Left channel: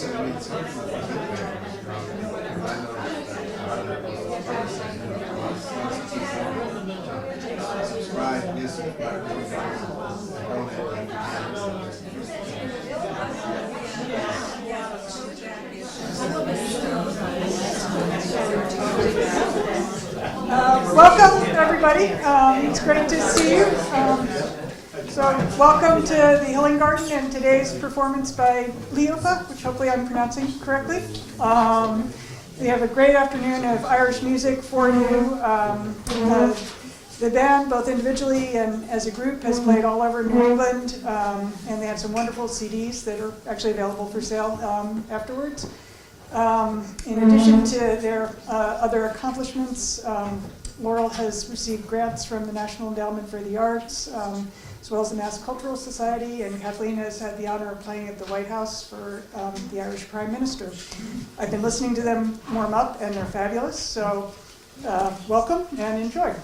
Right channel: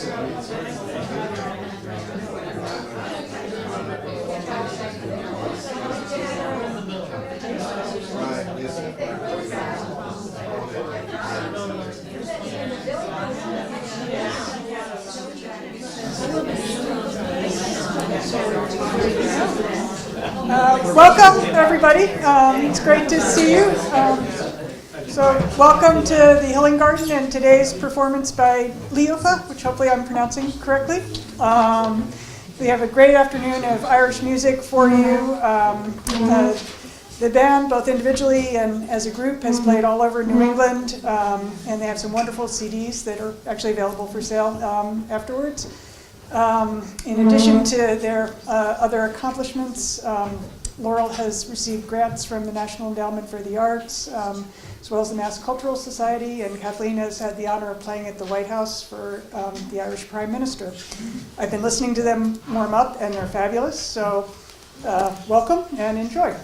Welcome, everybody. It's great to see you. So welcome to the Healing Garden and today's performance by Liofa, which hopefully I'm pronouncing correctly. We have a great afternoon of Irish music for you. The band, both individually and as a group, has played all over New England, and they have some wonderful CDs that are actually available for sale afterwards. In addition to their other accomplishments, Laurel has received grants from the National Endowment for the Arts, as well as the Mass Cultural Society, and Kathleen has had the honor of playing at the White House for the Irish Prime Minister. I've been listening to them warm up, and they're fabulous, so welcome and enjoy.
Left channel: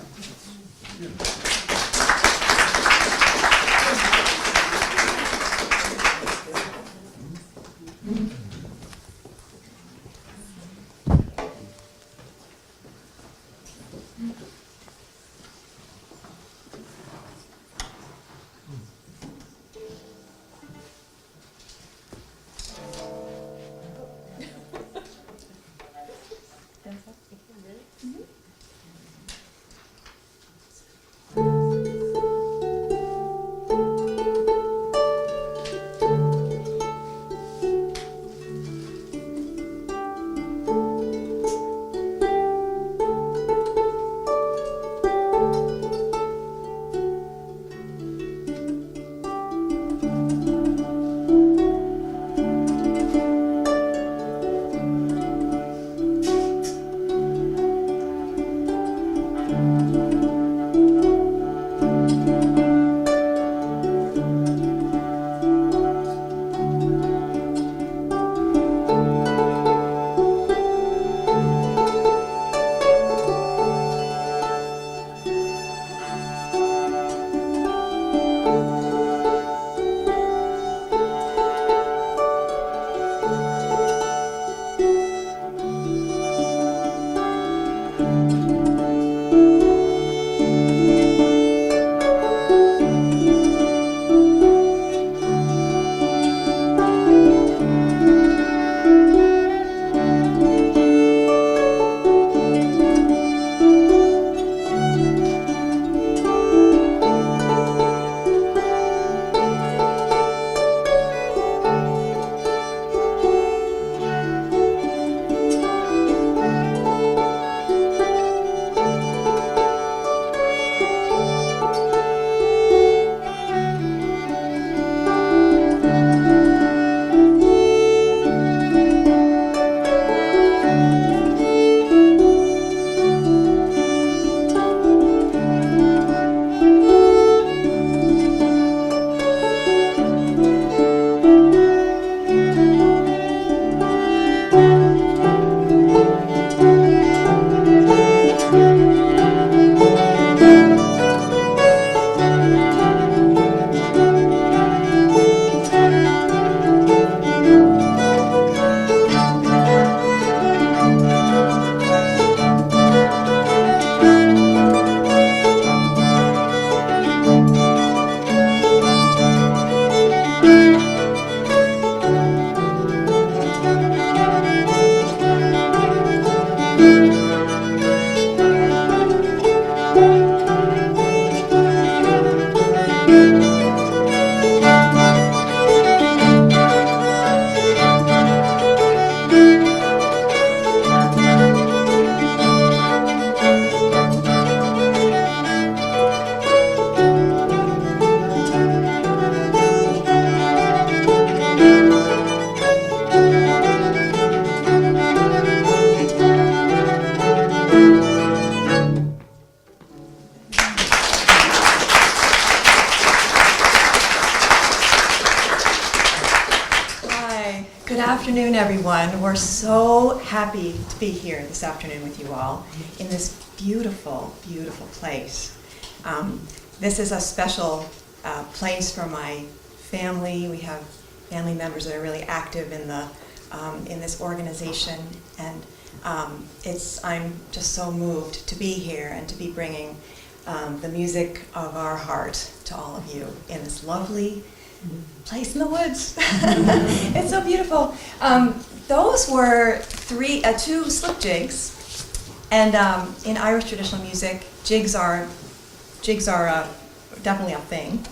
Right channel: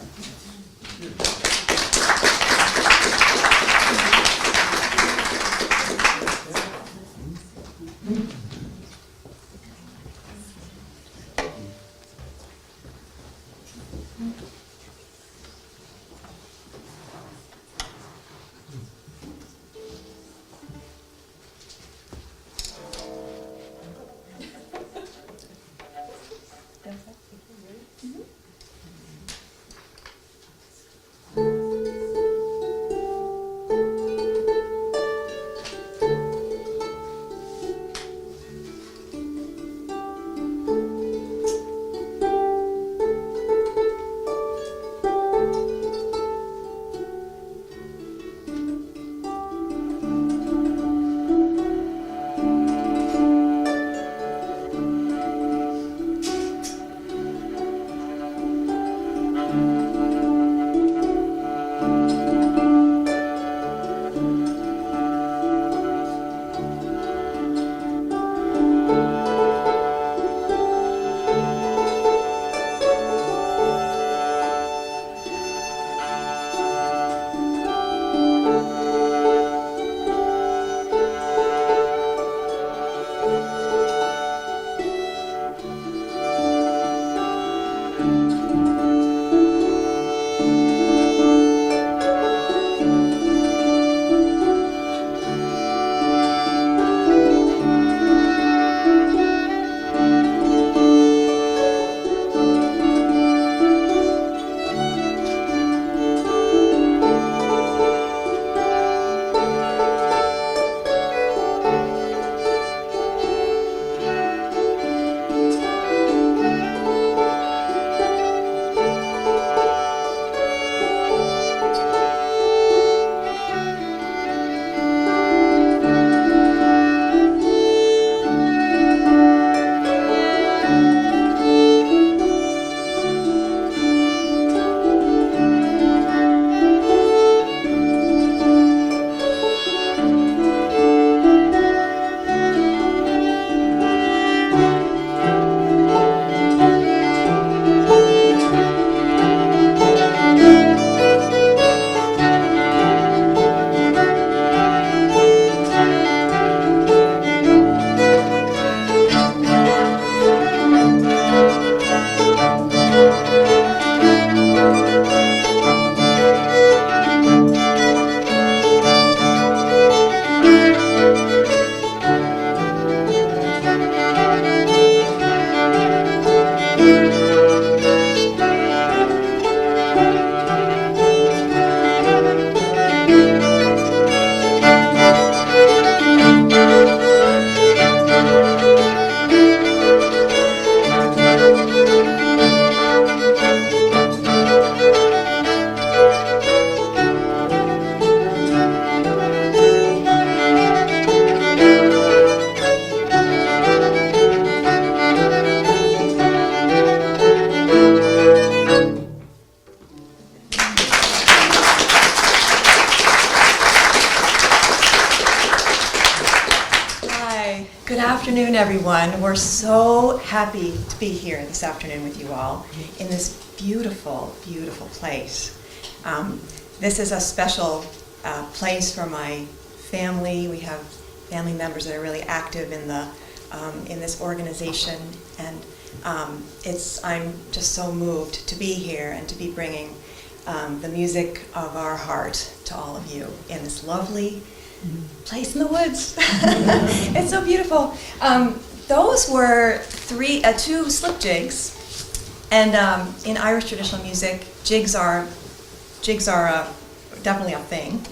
Good afternoon, everyone. We're so happy to be here this afternoon with you all in this beautiful, beautiful place. This is a special place for my family. We have family members that are really active in the in this organization, and I'm just so moved to be here and to be bringing the music of our heart to all of you in this lovely place in the woods. It's so beautiful. Those were two slip jigs, and in Irish traditional music, jigs are definitely a thing.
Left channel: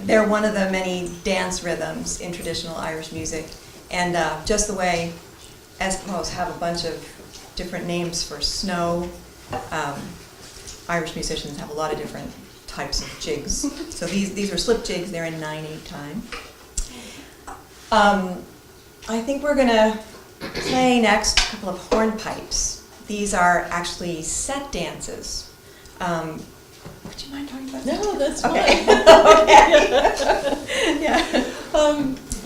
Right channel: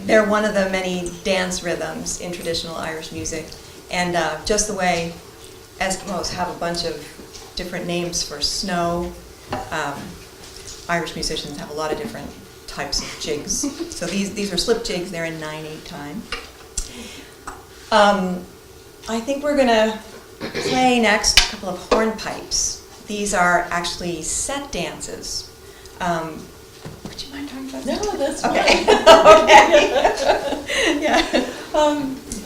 They're one of the many dance rhythms in traditional Irish music, and just the way Eskimos have a bunch of different names for snow, Irish musicians have a lot of different types of jigs. So these are slip jigs. They're in 9/8 time. I think we're going to play next a couple of hornpipes. These are actually set dances. Would you mind talking about that? No, that's okay. fine. Okay. Yeah.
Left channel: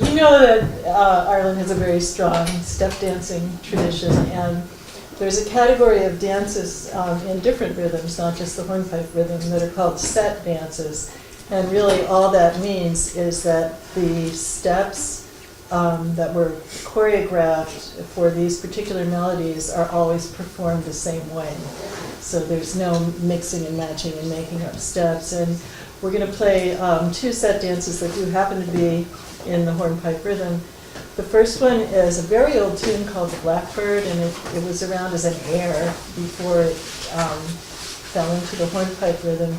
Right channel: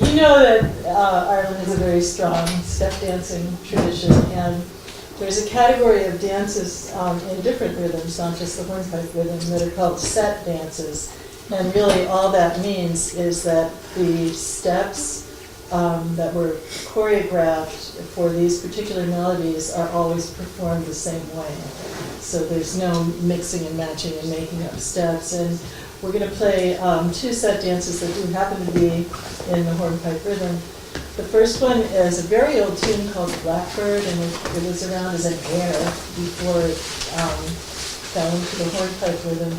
You know that Ireland has a very strong step dancing tradition, and there's a category of dances in different rhythms, not just the hornpipe rhythm, that are called set dances. And really all that means is that the steps that were choreographed for these particular melodies are always performed the same way. So there's no mixing and matching and making up steps. And we're going to play two set dances that do happen to be in the hornpipe rhythm. The first one is a very old tune called The Blackbird, and it was around as an air before it fell into the hornpipe rhythm.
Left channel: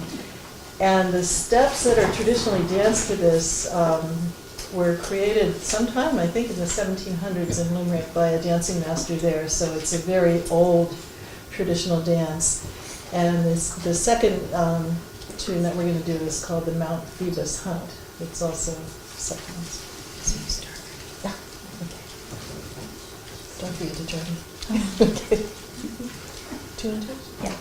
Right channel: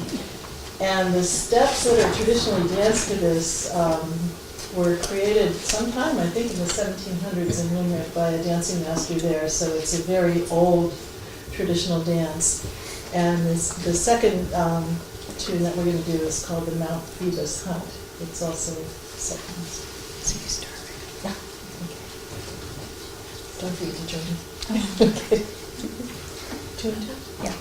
And the steps that are traditionally danced to this were created sometime, I think, in the 1700s in Limerick by a dancing master there, so it's a very old traditional dance. And the second tune that we're going to do is called the Mount Phoebus Hunt. It's also second. So you start. Yeah. Okay. Don't forget to join me. Okay. 2 and 2? Yeah.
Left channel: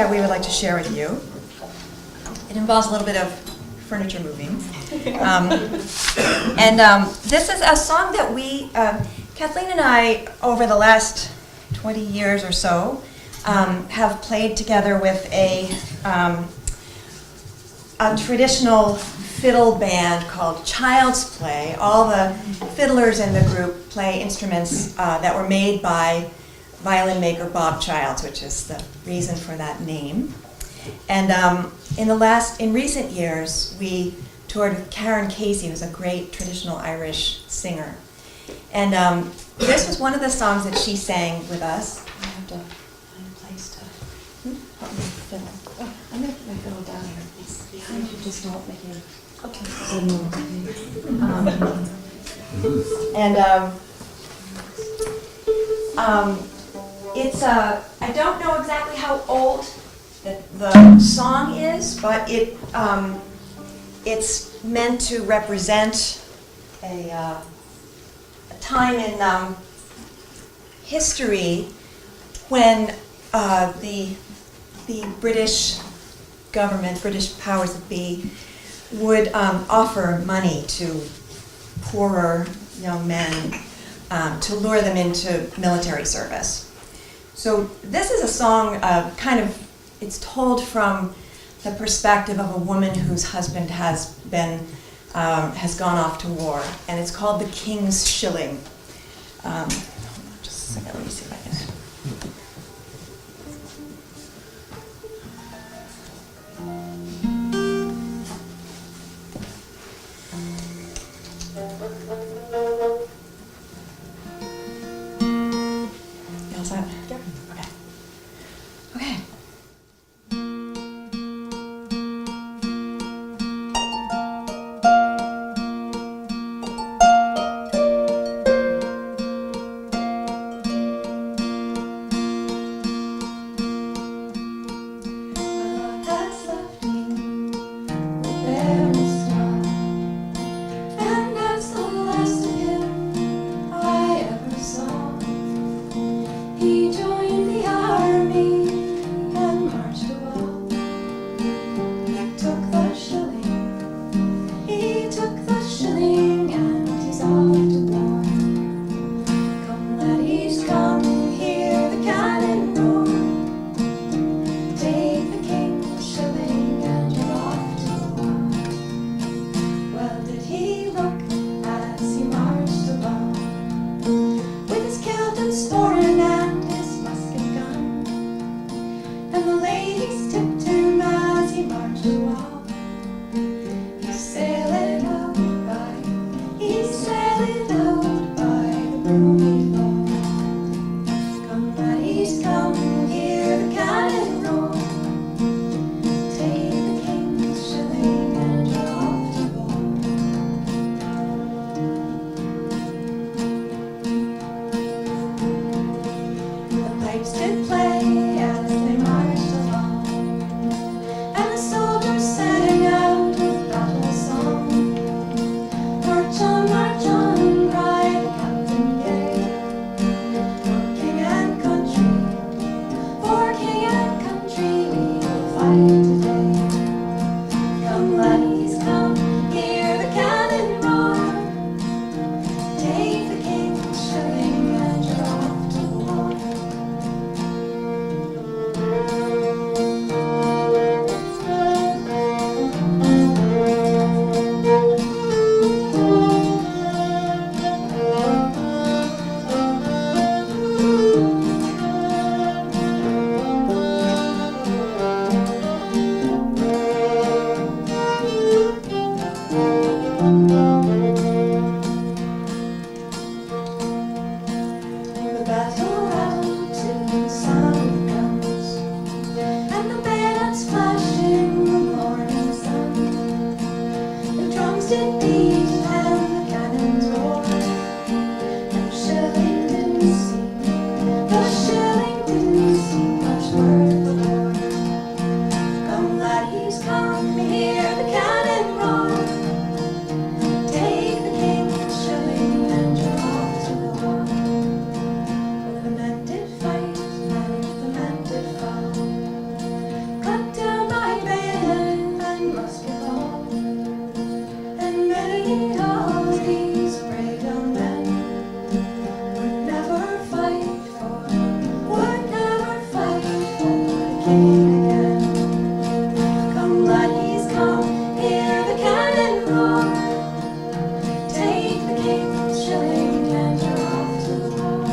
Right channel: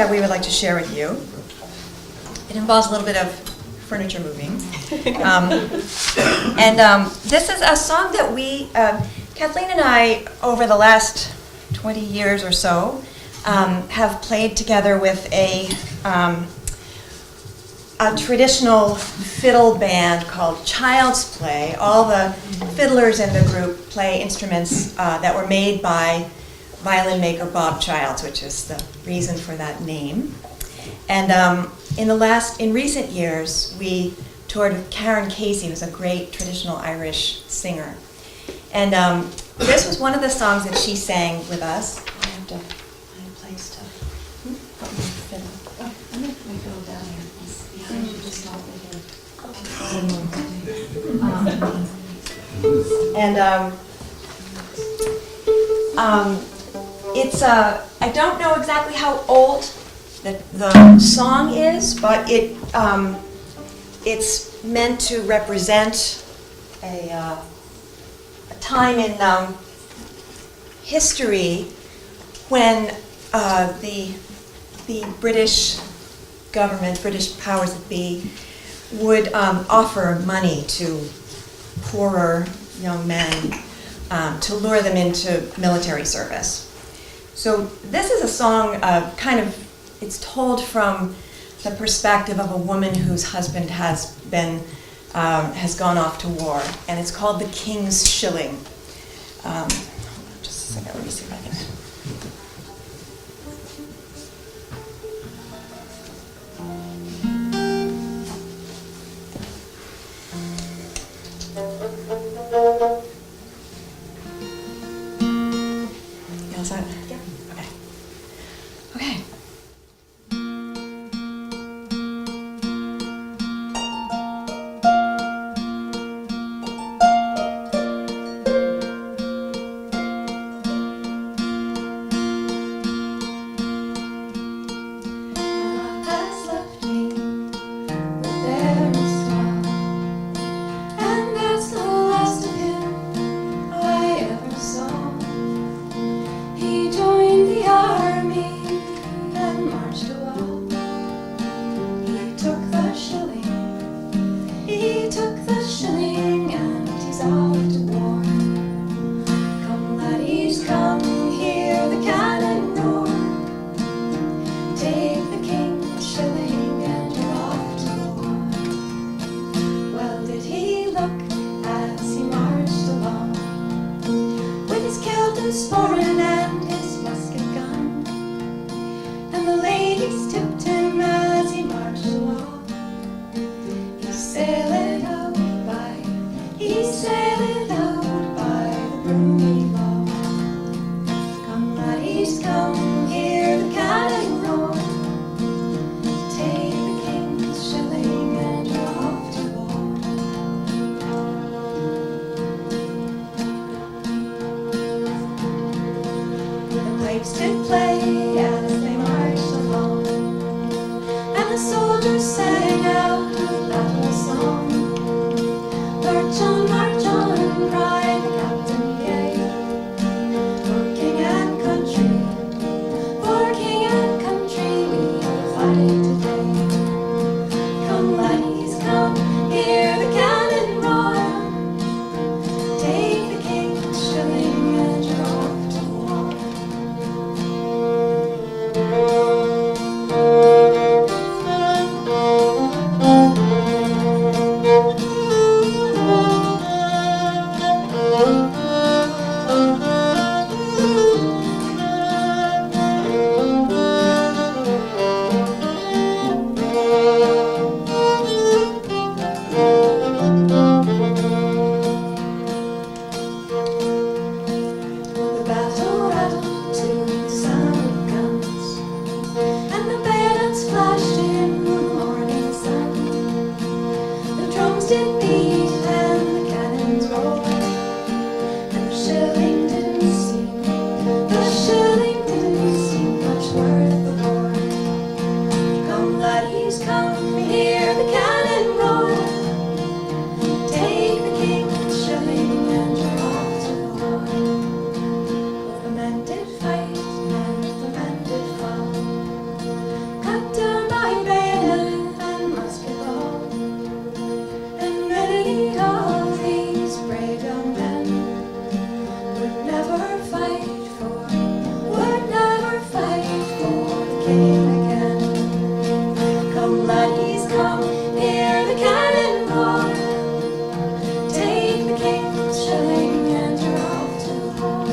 that we would like to share with you. It involves a little bit of furniture moving. This is a song that we, Kathleen and I, over the last 20 years or so, have played together with a traditional fiddle band called Child's Play. All the fiddlers in the group play instruments that were made by violin maker Bob Childs, which is the reason for that name. And in recent years, we toured with Karen Casey, who's a great traditional Irish singer. And this was one of the songs that she sang with us. I have to find a place to put my fiddle. Oh, I'm going to put my fiddle down here. Behind you, just don't make it. Okay. It's I don't know exactly how old the song is, but it's meant to represent a time in history when the British government, British powers that be, would offer money to poorer young men to lure them into military service. So this is a song it's told from the perspective of a woman whose husband has gone off to war, and it's called The King's Shilling. Hold on just a second, let me see if I can. You all set? Yeah. Okay. Okay. cannonball. Take the king's shilling and you're off to war.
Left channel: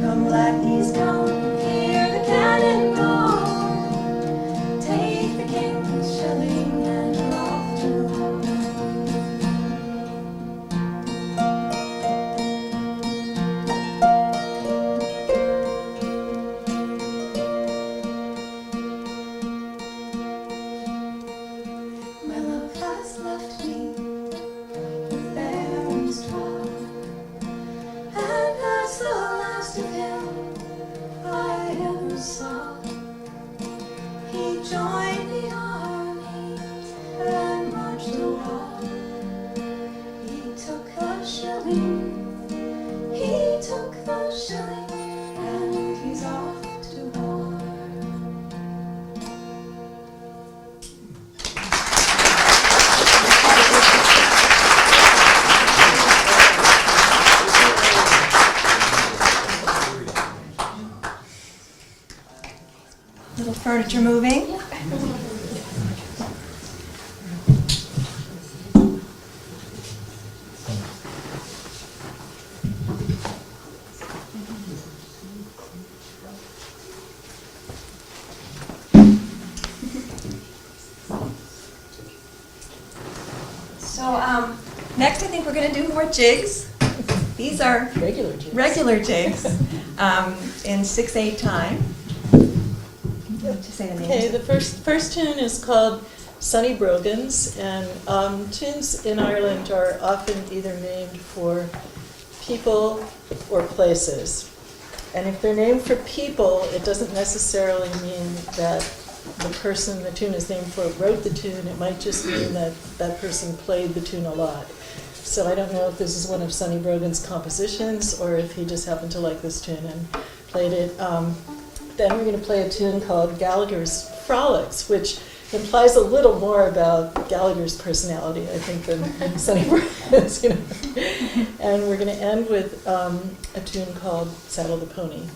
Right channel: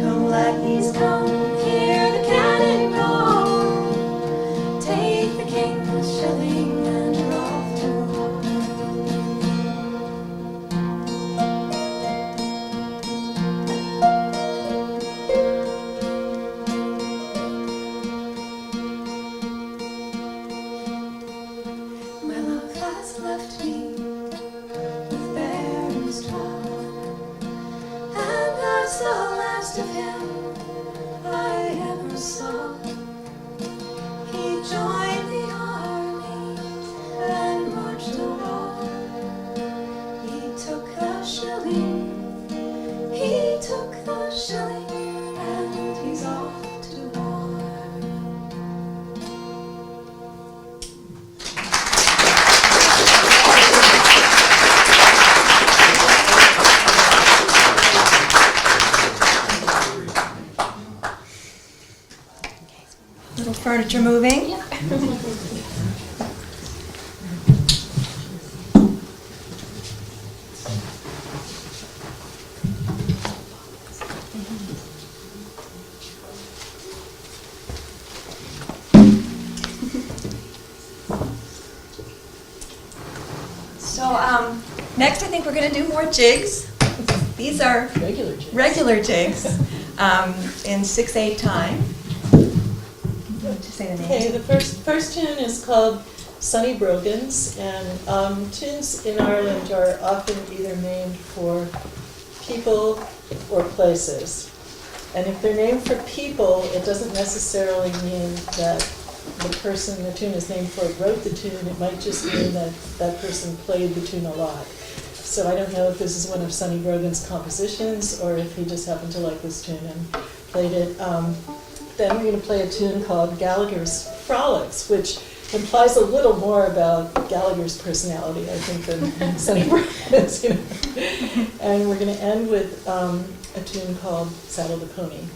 Come lackeys, come, hear the cannonball. Take the king's shilling and you're off to war. My love has left me with barren straw, and that's the last of him I ever saw. He joined the army and marched a wall. He took the shilling, he took the shilling, and he's off to war. Little furniture moving. So next I think we're going to do more jigs. These are Regular jigs. regular jigs in 6/8 time. To say the Okay, name. the first tune is called Sunny Brogans, and tunes in Ireland are often either named for people or places. And if they're named for people, it doesn't necessarily mean that the person the tune is named for wrote the tune. It might just mean that that person played the tune a lot. So I don't know if this is one of Sonny Brogan's compositions or if he just happened to like this tune and played it. Then we're going to play a tune called Gallagher's Frolics, which implies a little more about Gallagher's personality, I think, than Sonny Brogan's. You know? And we're going to end with a tune called Saddle the Pony.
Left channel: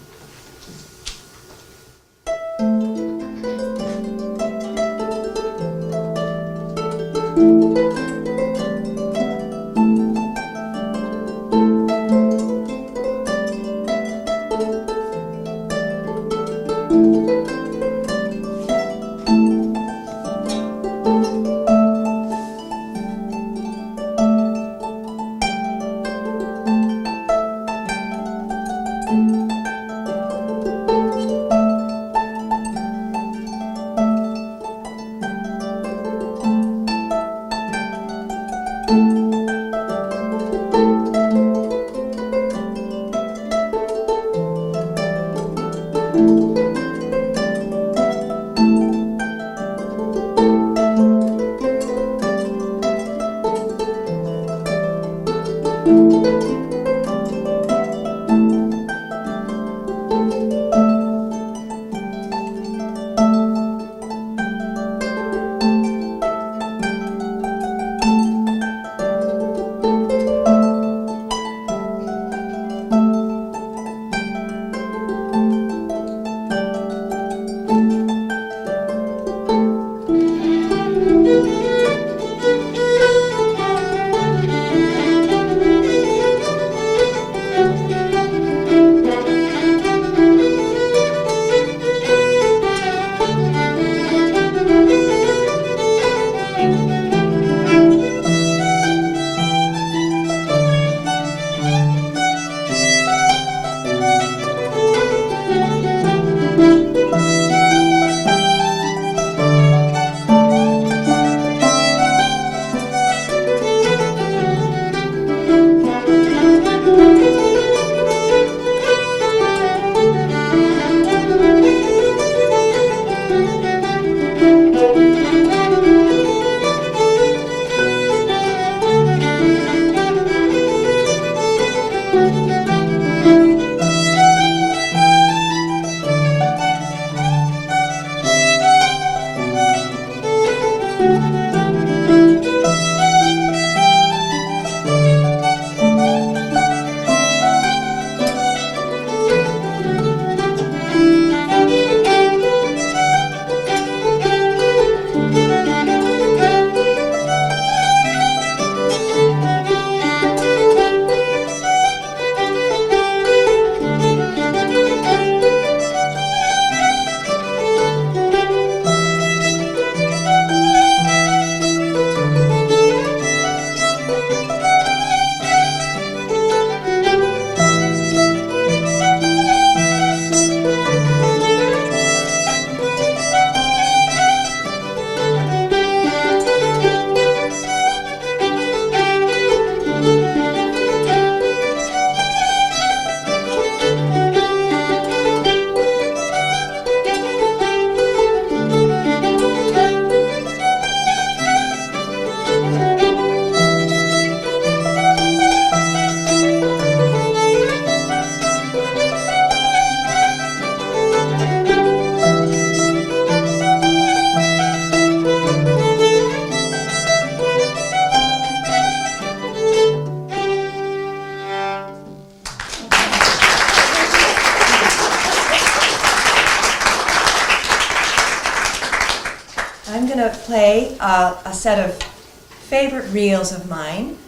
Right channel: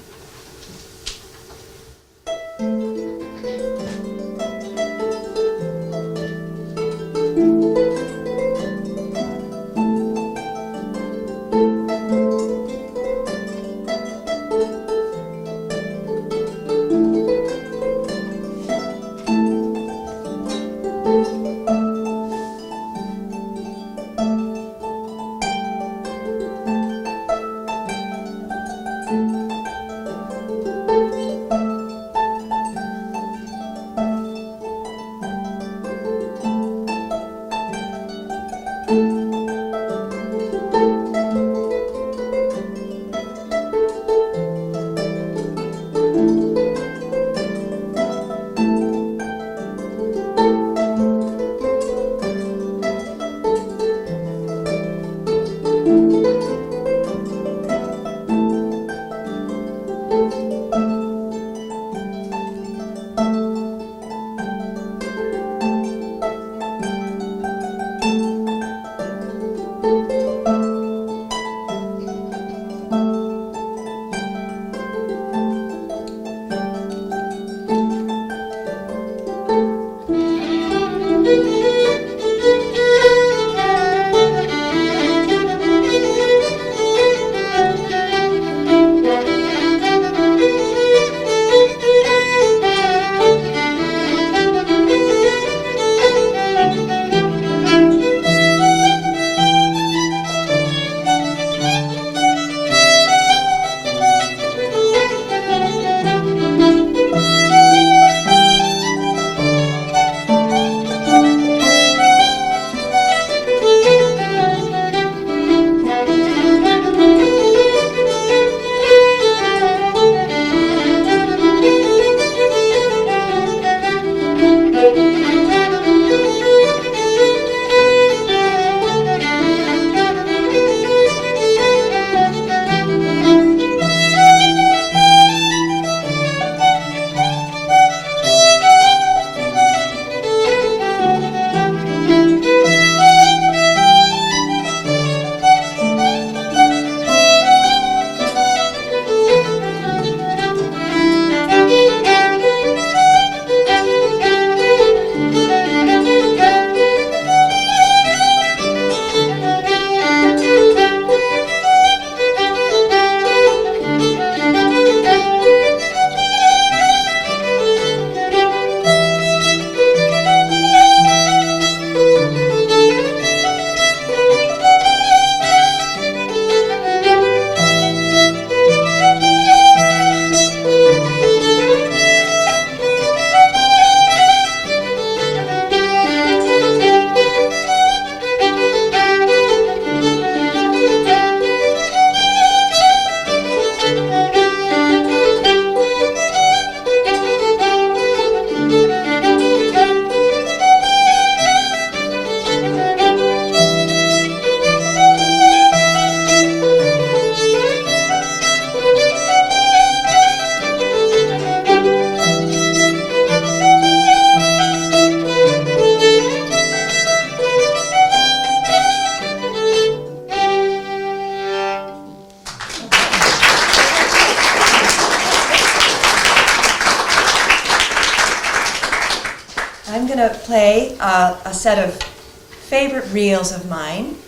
to play a set of favorite reels of mine.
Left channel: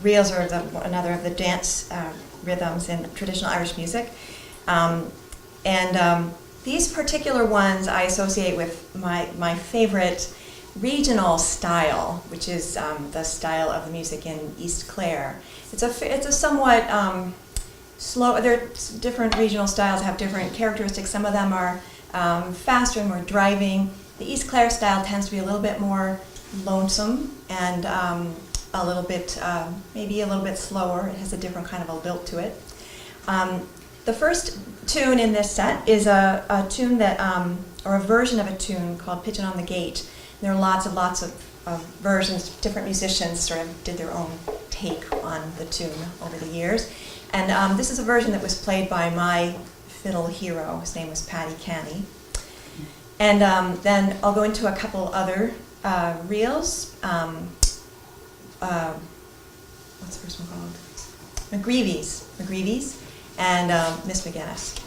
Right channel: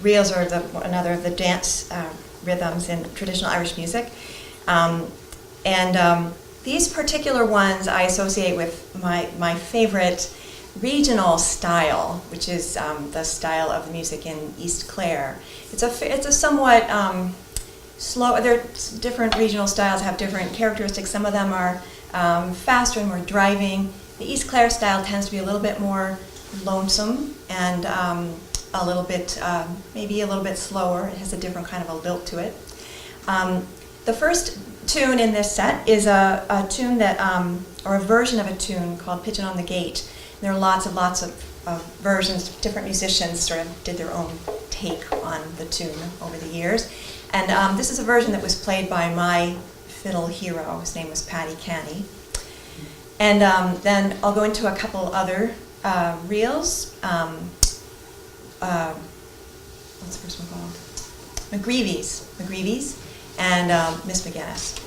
Reels are another of the dance rhythms in traditional Irish music. These particular ones I associate with my favorite regional style, which is the style of music in East Clare. It's a somewhat slow. Different regional styles have different characteristics. Some of them are faster and more driving. The East Clare style tends to be a little bit more lonesome and a little bit, maybe a little bit slower. It has a different kind of a lilt to it. The first tune in this set is a tune that, or a version of a tune called "Pitchin' on the Gate." There are lots of versions. Different musicians sort of did their own take on the tune over the years. And this is a version that was played by my fiddle hero. His name was Paddy Canny. And then I'll go into a couple other reels. What's the first one called? McGreevy's, and Miss McGinnis.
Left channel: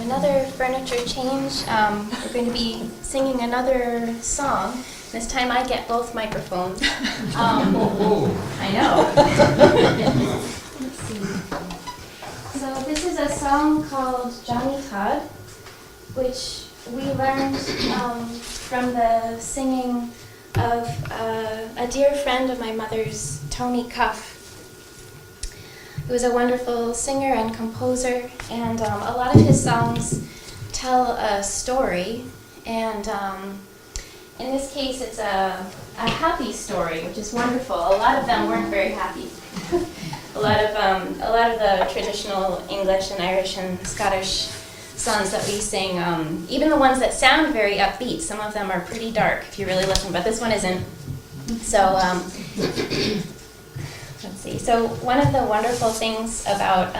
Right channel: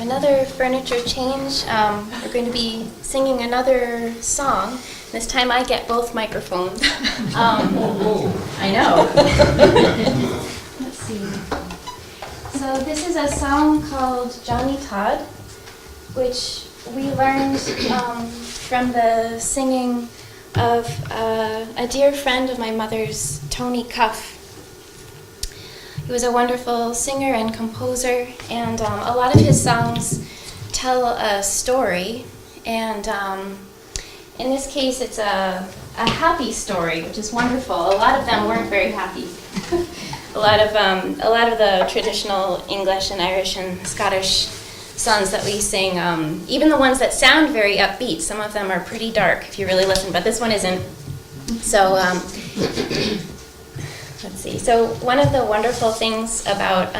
Another furniture change. We're going to be singing another song. This time I get both microphones. I know. Let's see. So this is a song called Johnny Todd, which we learned from the singing of a dear friend of my mother's, Tony Cuff. It He was a wonderful singer and composer, and a lot of his songs tell a story. And in this case, it's a happy story, which is wonderful. A lot of them weren't very happy. a lot of the traditional English and Irish and Scottish songs that we sing, even the ones that sound very upbeat, some of them are pretty dark if you really listen, but this one isn't. So let's see. So one of the wonderful things about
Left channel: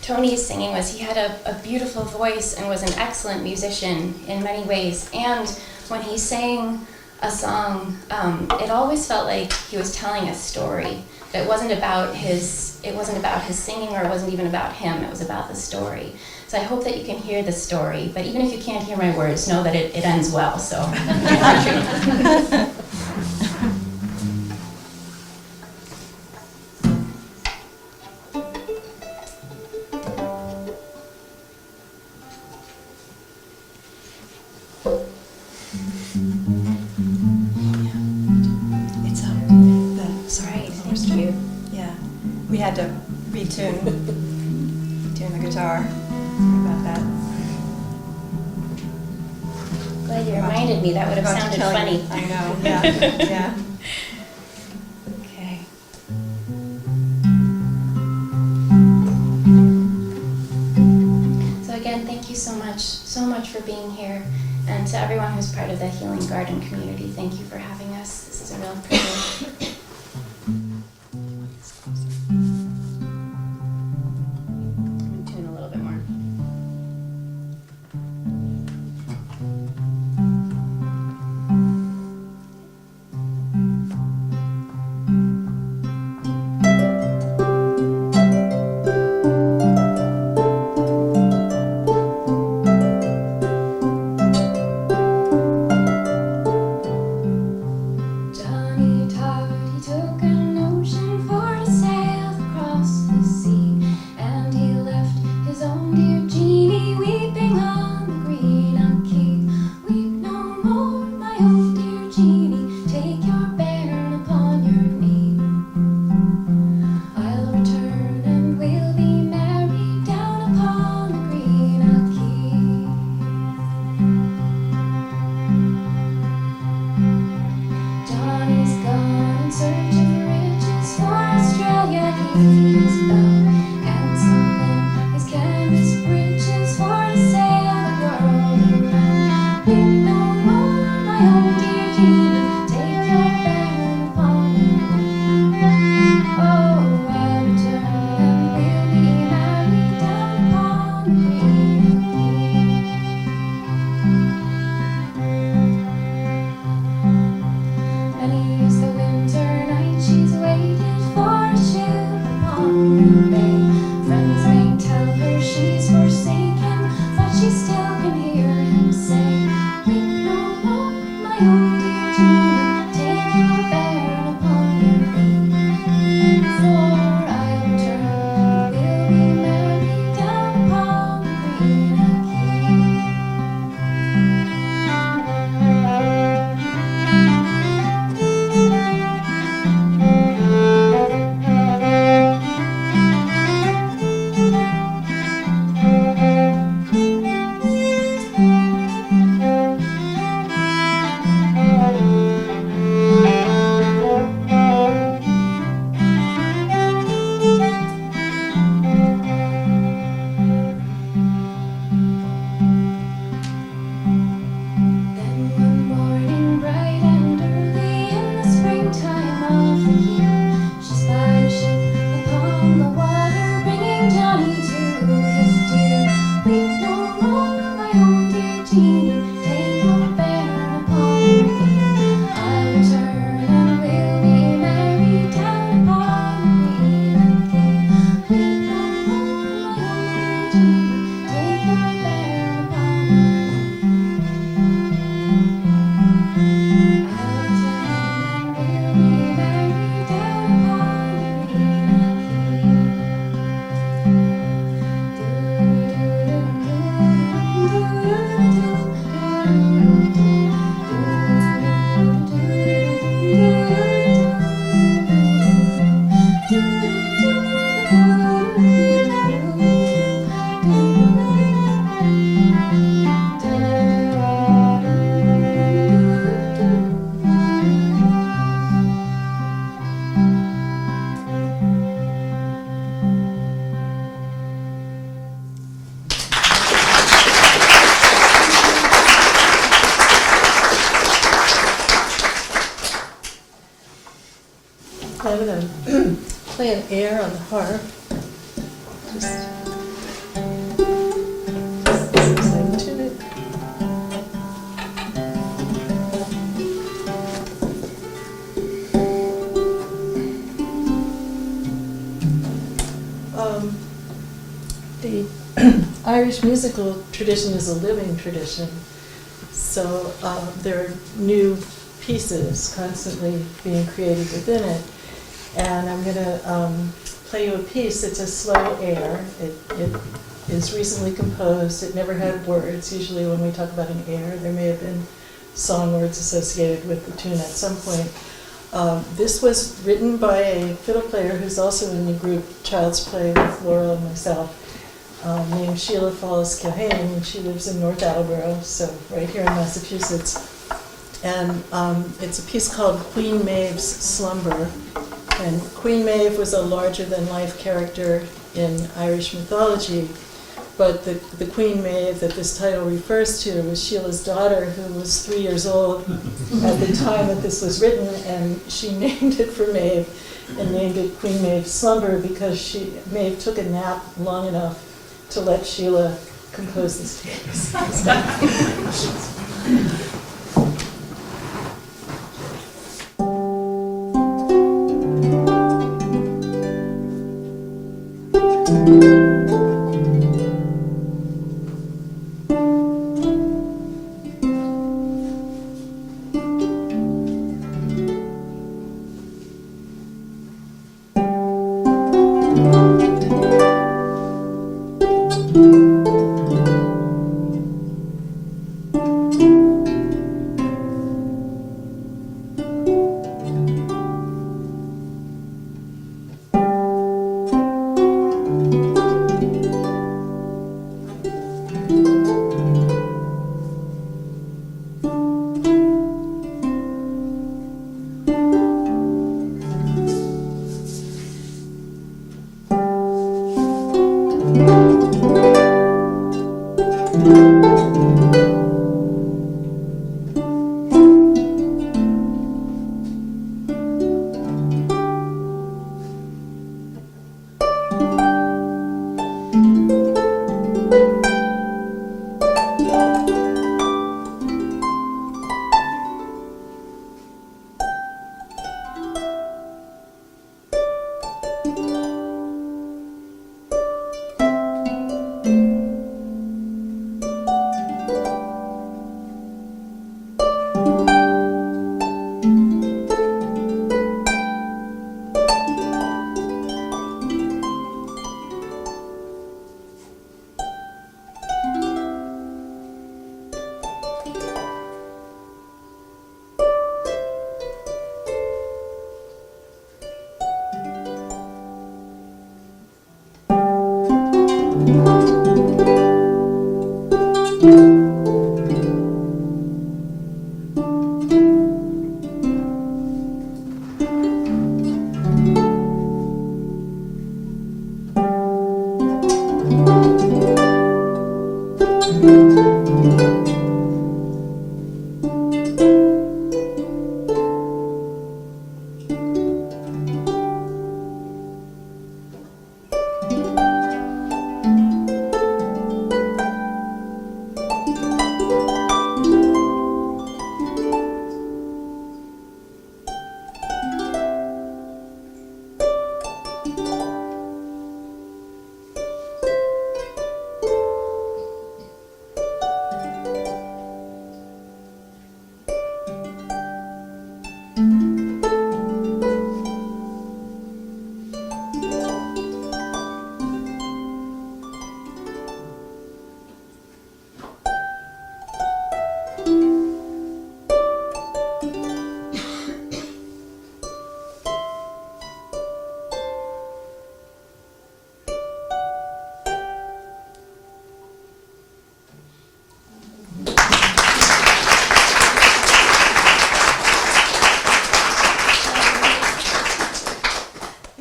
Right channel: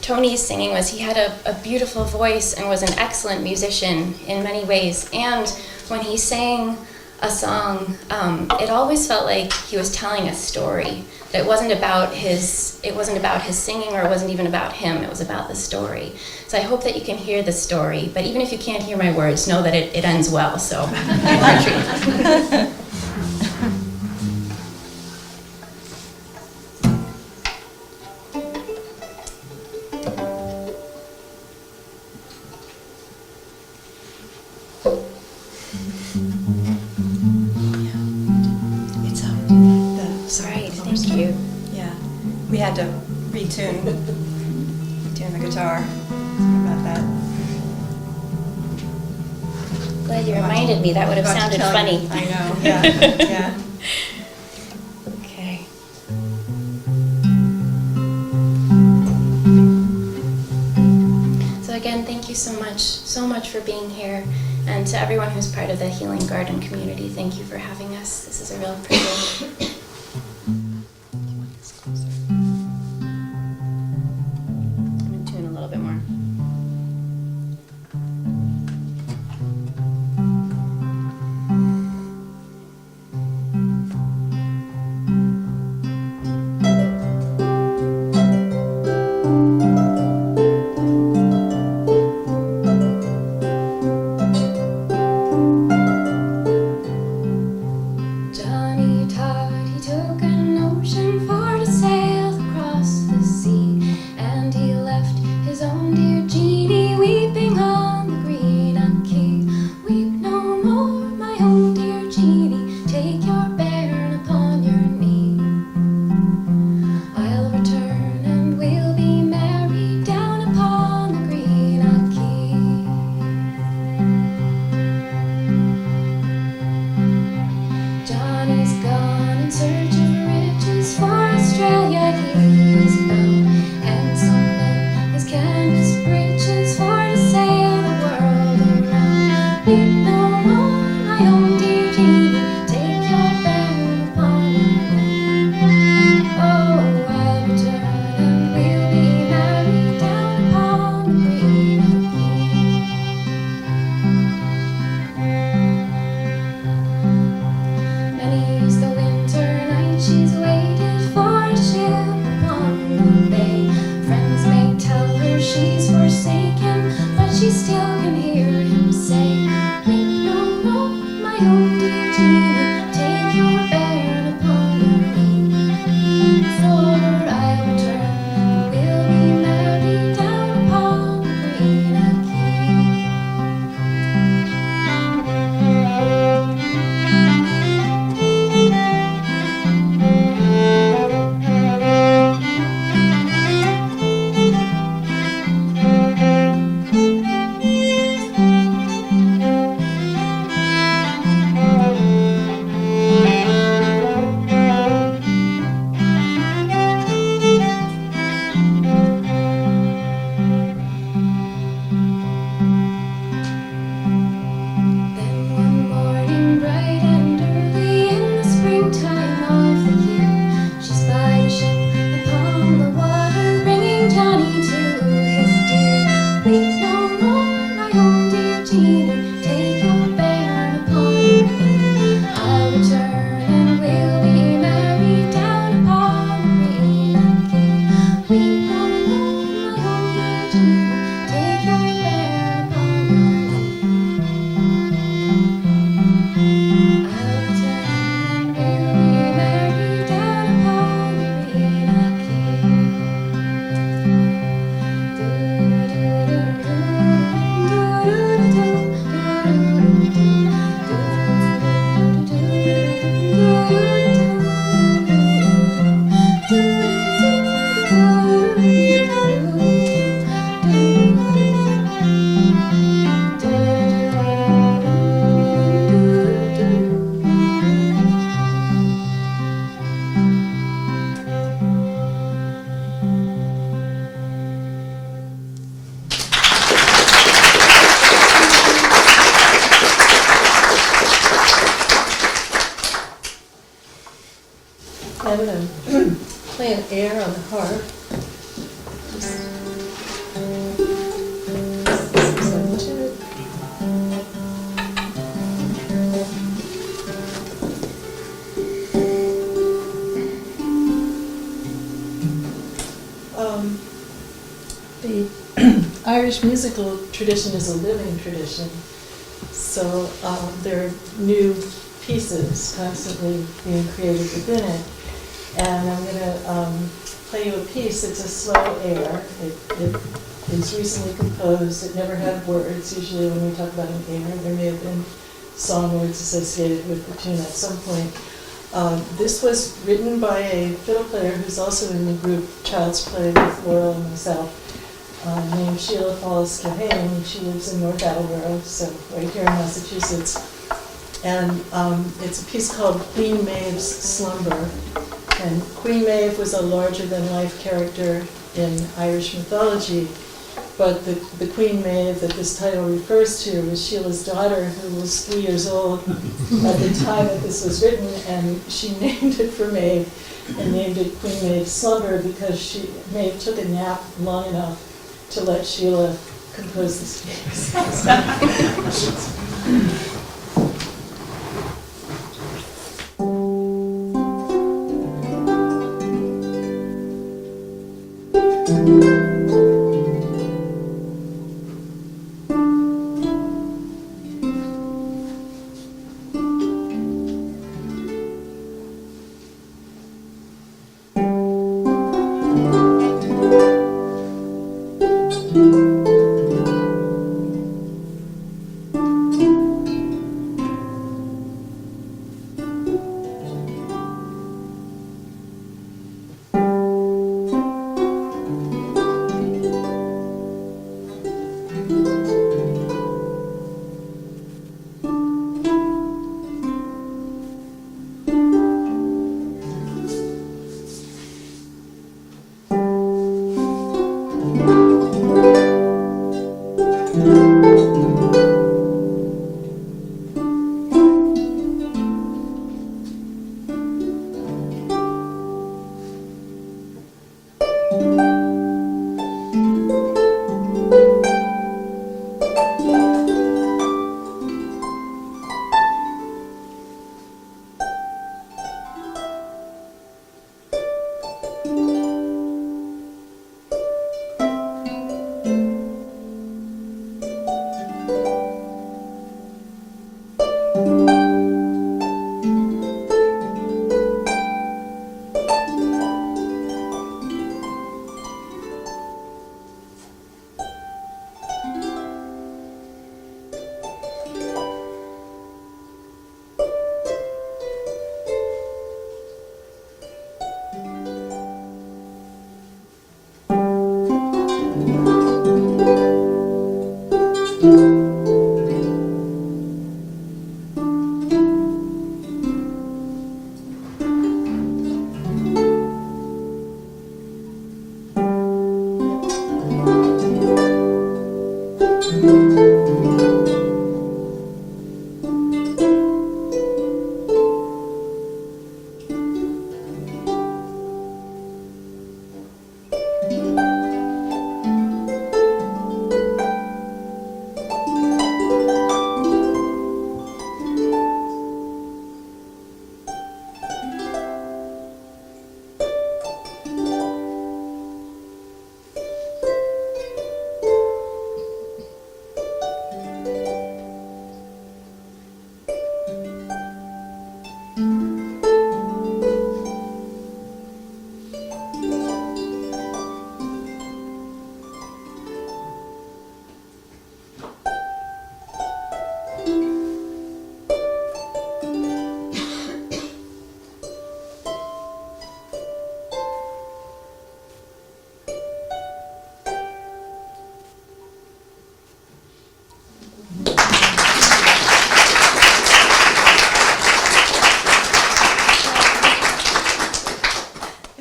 Tony's singing was he had a beautiful voice and was an excellent musician in many ways. And when he sang a song, it always felt like he was telling a story. It wasn't about his singing, or it wasn't even about him. It was about the story. So I hope that you can hear the story. But even if you can't hear my words, know that it ends well. So. We had to retune the guitar. Sorry about that. Glad you reminded me. That would have sounded funny. I know. Yeah. Yeah. Okay. So again, thank you so much for being here, and to everyone who's part of the Healing Garden community, thank you for having us. This is a real privilege. She still can hear him say, I'm going to play an air on the harp. Just like to it. The Irish musical tradition is a living tradition, so there are new pieces constantly being created within it. And I'm going to play you a piece. It's a slow air. It is recently composed. It never had words. Usually when we talk about an air, there may have been song words associated with the tune at some point. This was written by a fiddle player who's also in the group Child's Play with Laurel and myself, named Sheila Falls Kilhane. She lives in North Attleboro, so right here in Massachusetts. And it's a piece called Queen Maeve's Slumber. And Queen Maeve was a larger-than-life character in Irish mythology, but the Queen Maeve that this title refers to was Sheila's daughter, who was 3 years old at the time that this was written, and she named it for Maeve and named it Queen Maeve's Slumber because Maeve took a nap long enough to let Sheila compose this piece.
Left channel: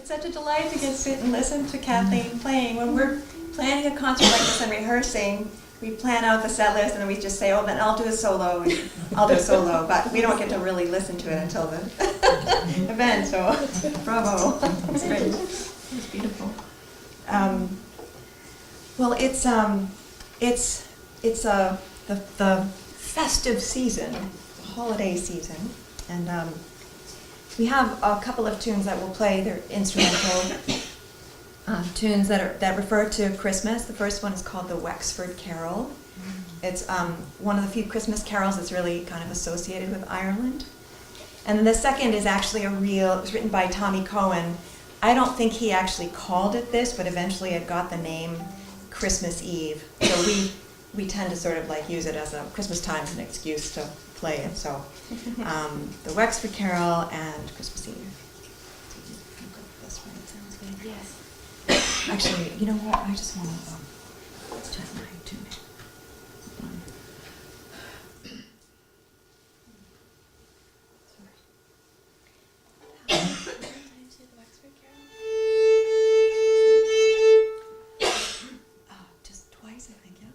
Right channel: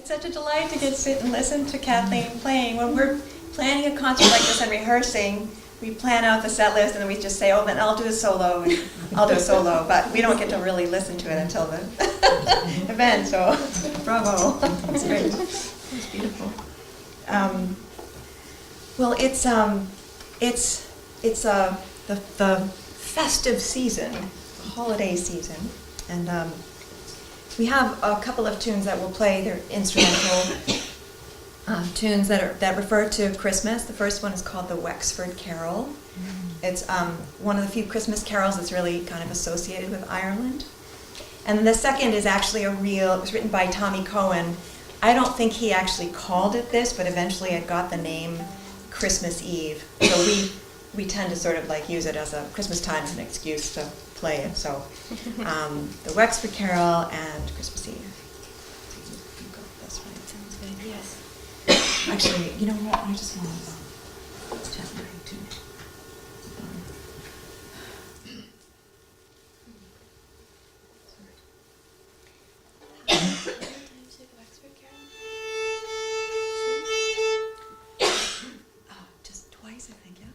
Such a delight to get to sit and listen to Kathleen playing. When we're planning a concert like this and rehearsing, we plan out the set list and then we just say, oh, then I'll do a solo and I'll do a solo, but we don't get to really listen to it until the event, so bravo. It's great. It's beautiful. Well, it's the festive season, the holiday season, and we have a couple of tunes that we'll play. They're instrumental tunes that refer to Christmas. The first one is called the Wexford Carol. It's one of the few Christmas carols that's really kind of associated with Ireland. And then the second is actually it was written by Tommy Cohen. I don't think he actually called it this, but eventually it got the name Christmas Eve. So we tend to sort of like use it as a Christmas time as an excuse to play it. So the Wexford Carol and Christmas Eve. That's right. Sounds good. Yes. Actually, you know what? I just want to check my tune. Just twice, I think, yeah.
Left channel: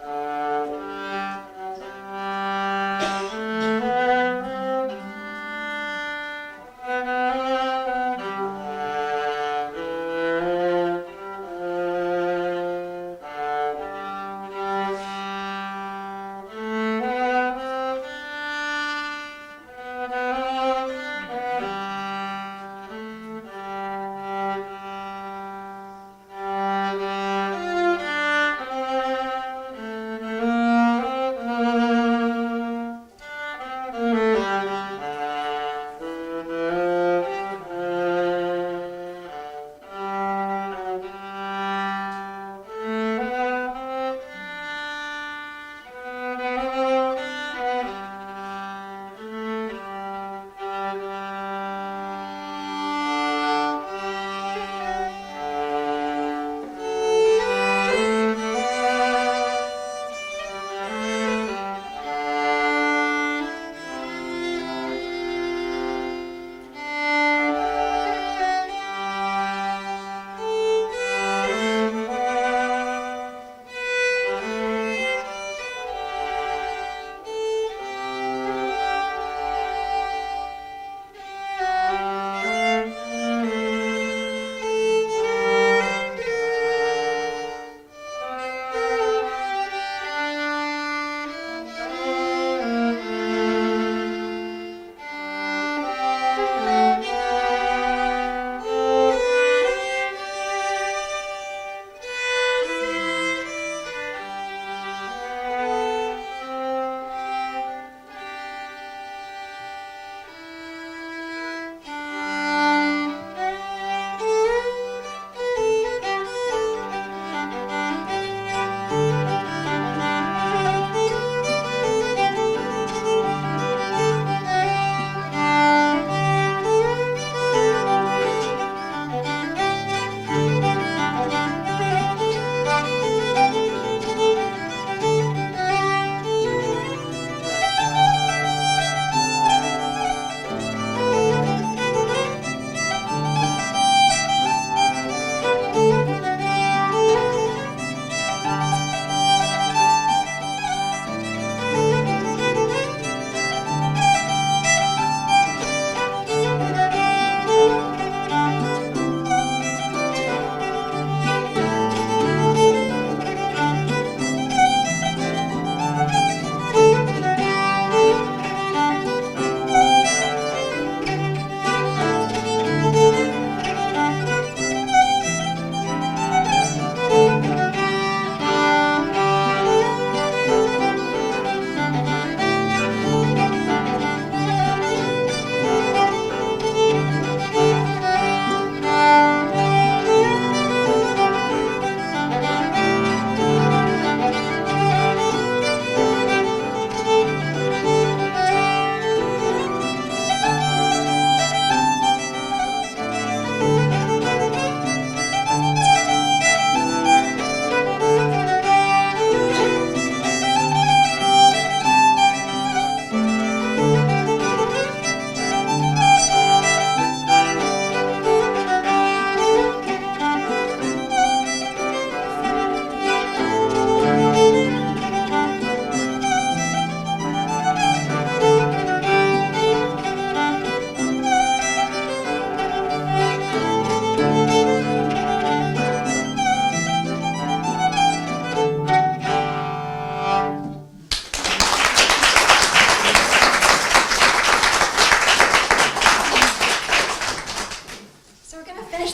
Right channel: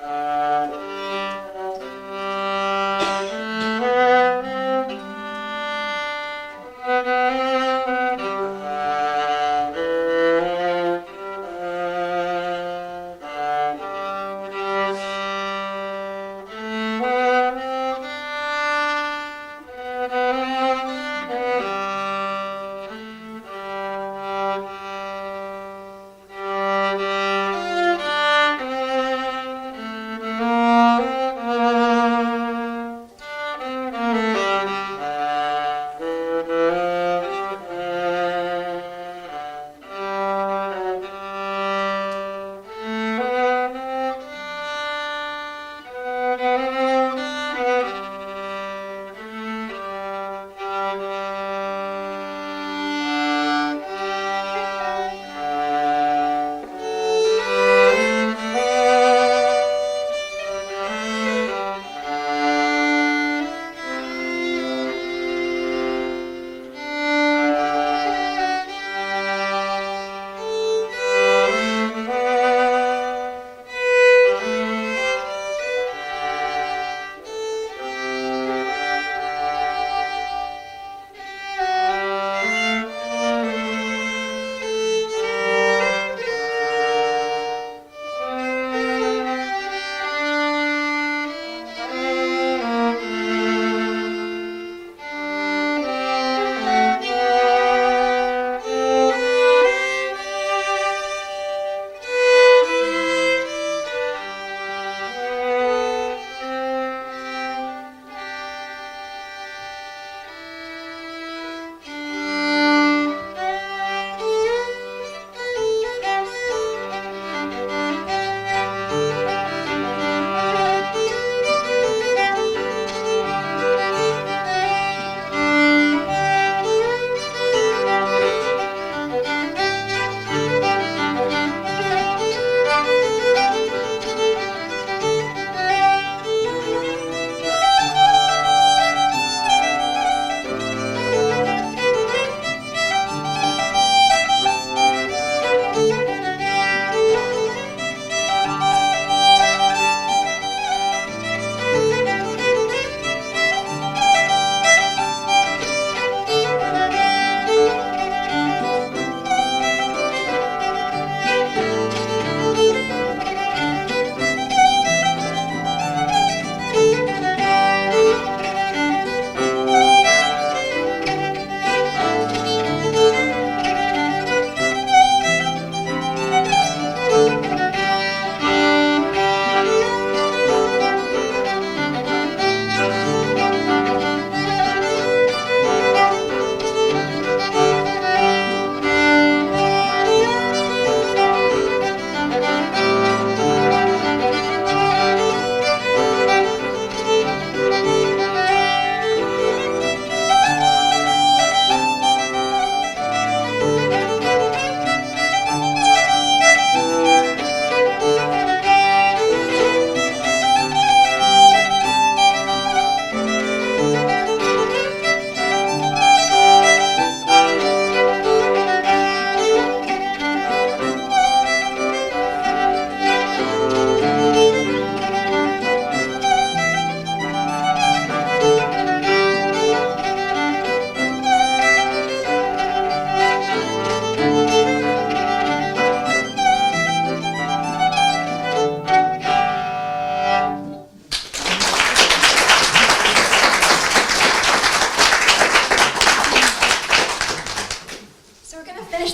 Okay.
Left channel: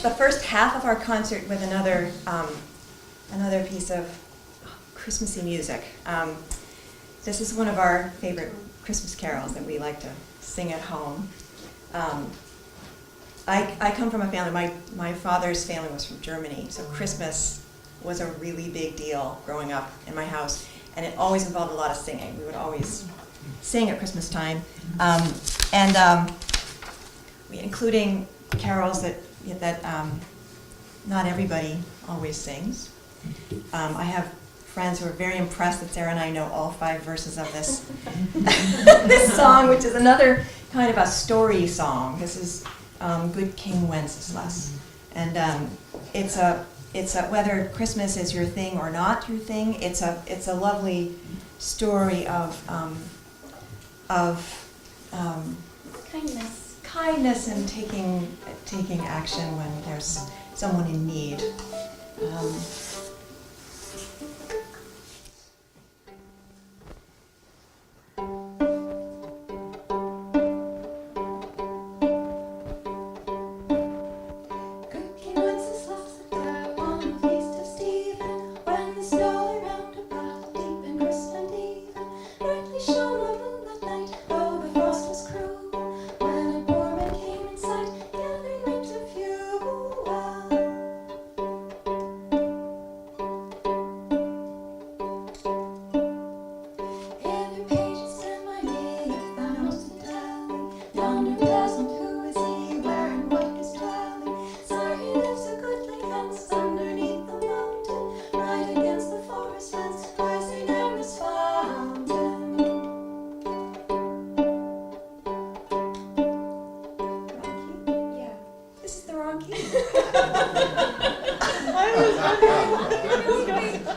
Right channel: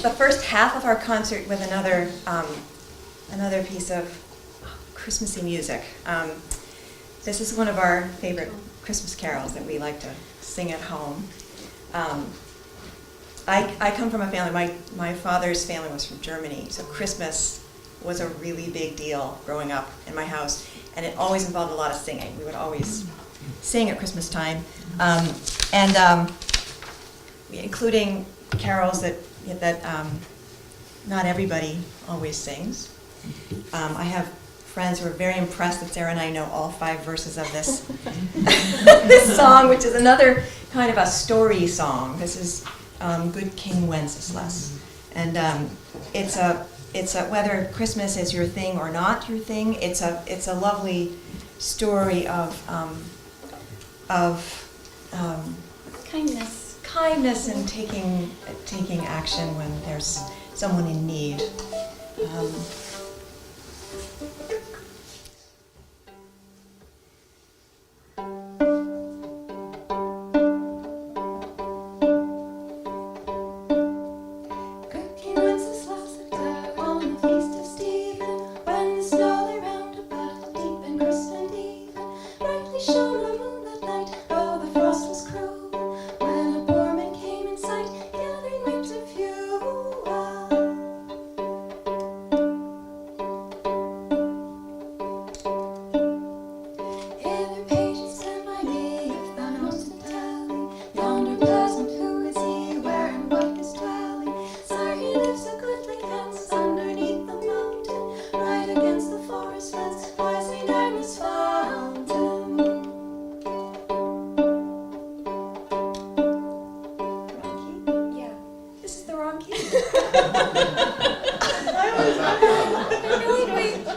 the first half of our concert with another piece of Christmassy music. This is one of our favorite Christmas carols that we like to sing at home. I come from a family, my father's family was from Germany, so Christmas was a really big deal growing up in my house, and it always involved a lot of singing. We would always sing at Christmas time, including carols that not everybody always sings. I have friends who are very impressed that Sarah and I know all 5 verses of this this song, which is another kind of a story song. This is Good King Wenceslas, and it's a whether Christmas is your thing or not your thing. It's a lovely story of kindness and taking action when there's someone in need.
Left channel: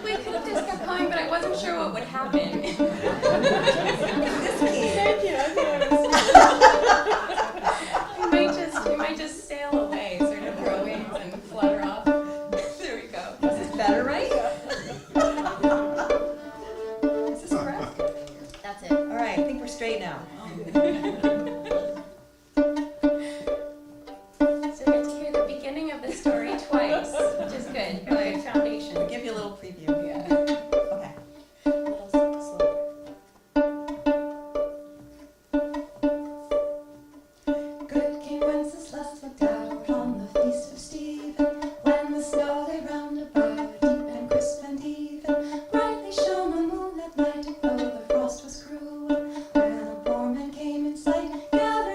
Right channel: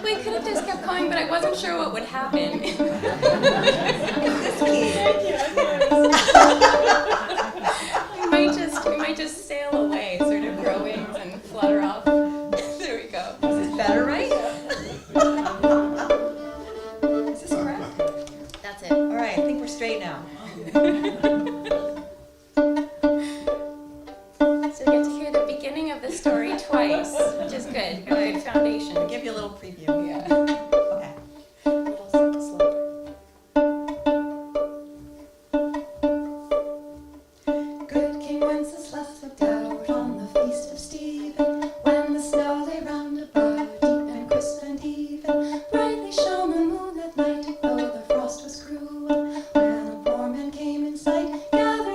We could have just kept going, but I wasn't sure what would happen. It's this key. We might just sail away, sort of grow wings and flutter off. There we go. This is better, right? Is this correct? That's it. All right, I think we're straight now. So you get to hear the beginning of the story twice, which is good. Good foundation. I'll give you a little preview. Yeah. Okay. A little slow. Good King Wenceslas looked out on the feast of Stephen, when the snow lay round about, deep and crisp and even. Brightly shone the moonlit light, though the frost was cruel. When a poor man came in sight, gathered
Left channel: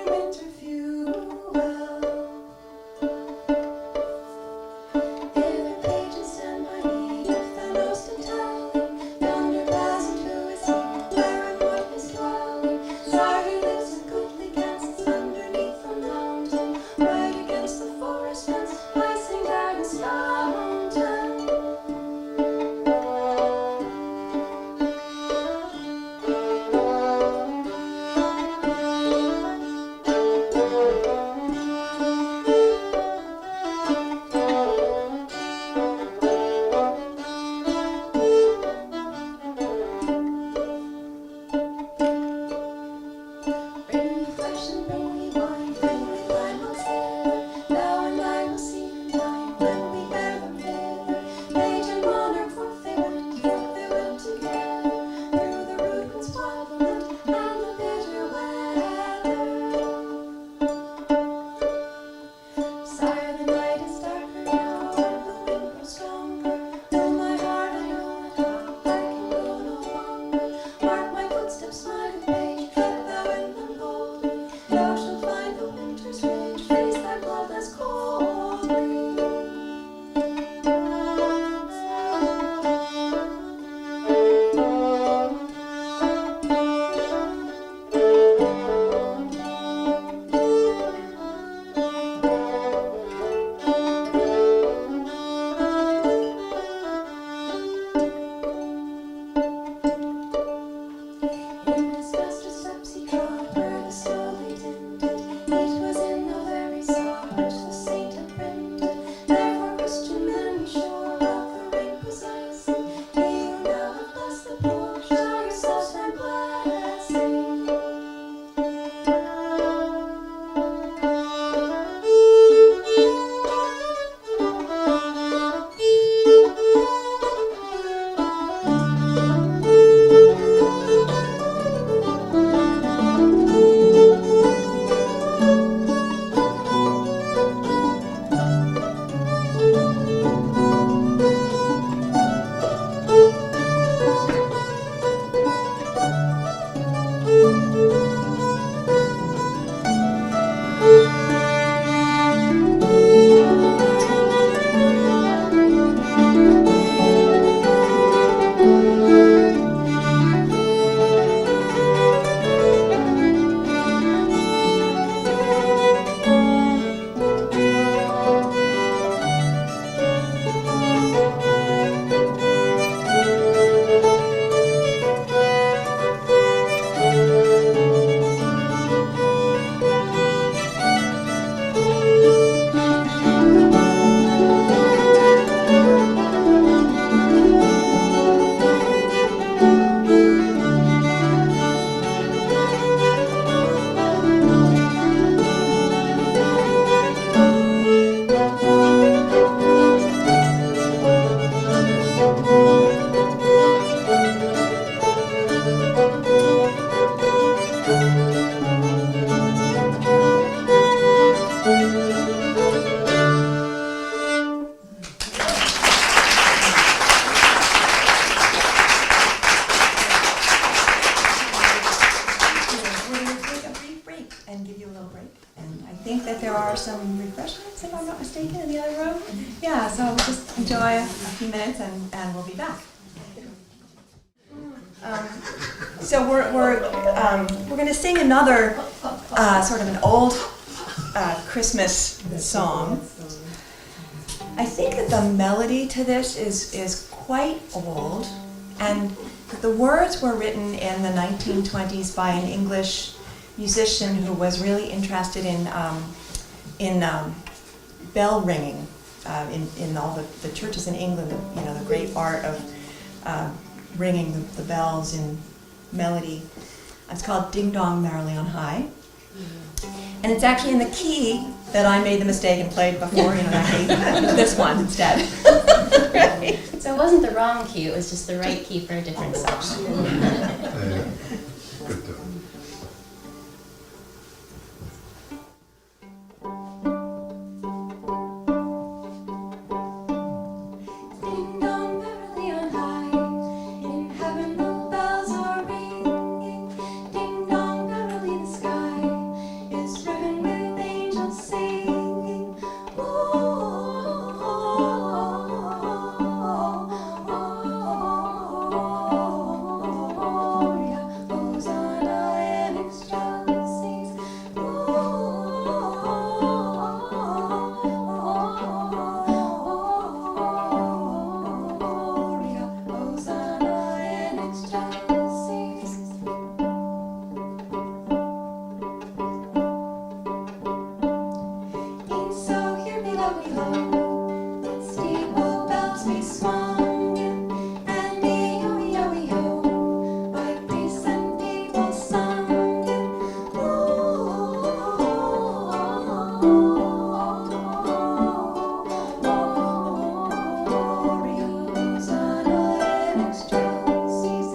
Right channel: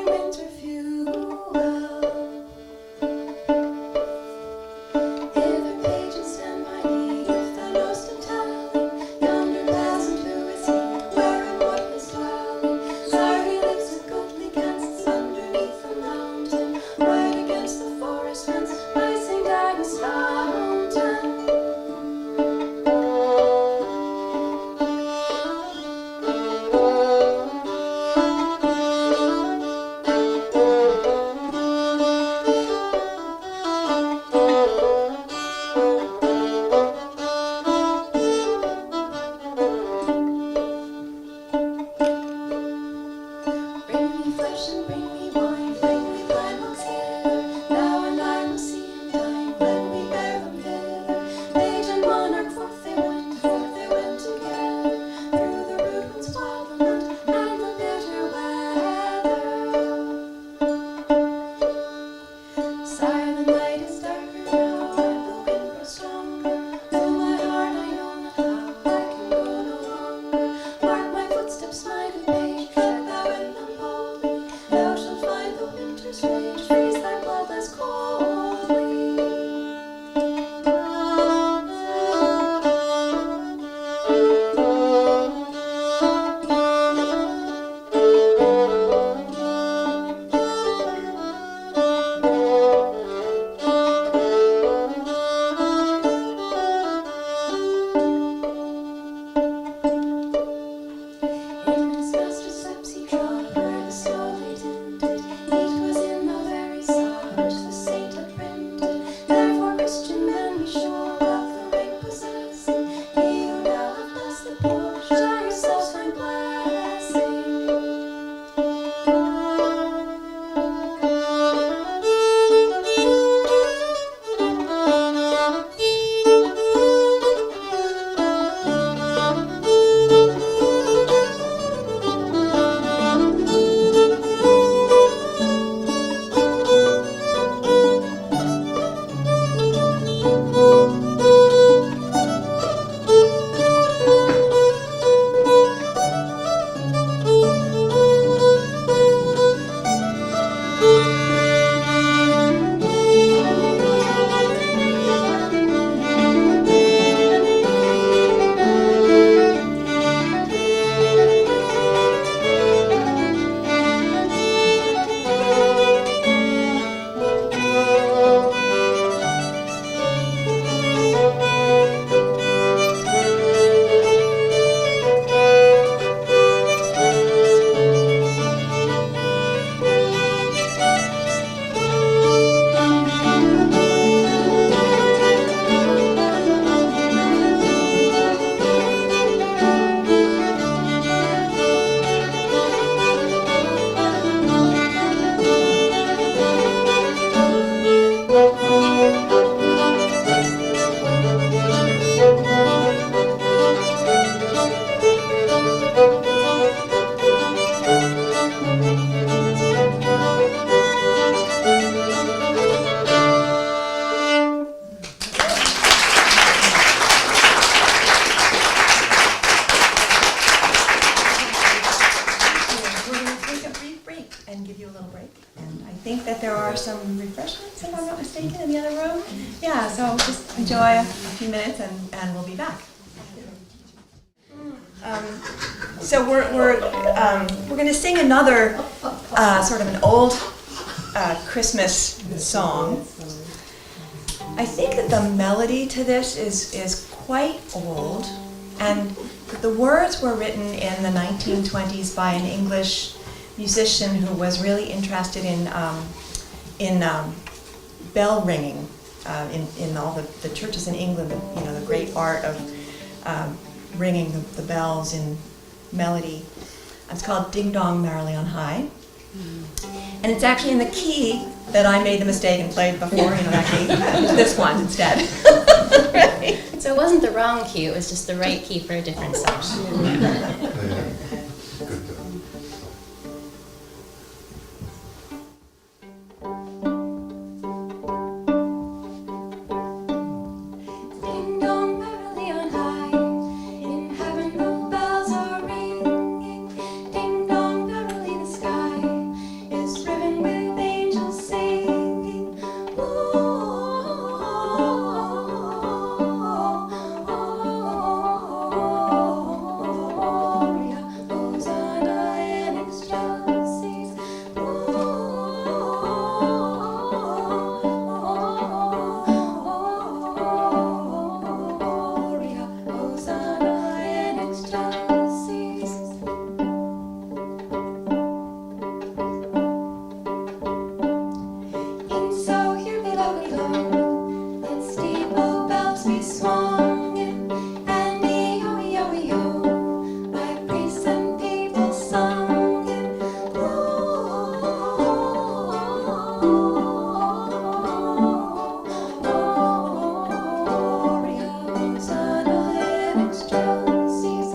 and give you a little break. And I think that there are some refreshments, if I'm not mistaken, in the other room. Yeah, so just enjoy a few minutes and we'll be back. So we're going to sing another sort of an old Christmas song. I think that the melody to this is quite old, and the words were written in the 1920s by an English musician who was really interested in bell ringing in all the churches in England. The great art of ringing the bells in melody. It's called Ding Dong Merrily on High. And it's actually in the key that I made the mistake and played before, that key. It's this one instead. Right? So it wasn't the wrong key, it was just the right key for a different song. Good job. Ding dong merrily on high, in heaven the bells are ringing. Ding dong merrily the sky is riven with angels singing. Gloria, Hosanna in excelsis. Gloria, Hosanna in excelsis. E'en so here below let steeple bells be swung in, and E-O, by priests and people sung in. Gloria, Hosanna in excelsis.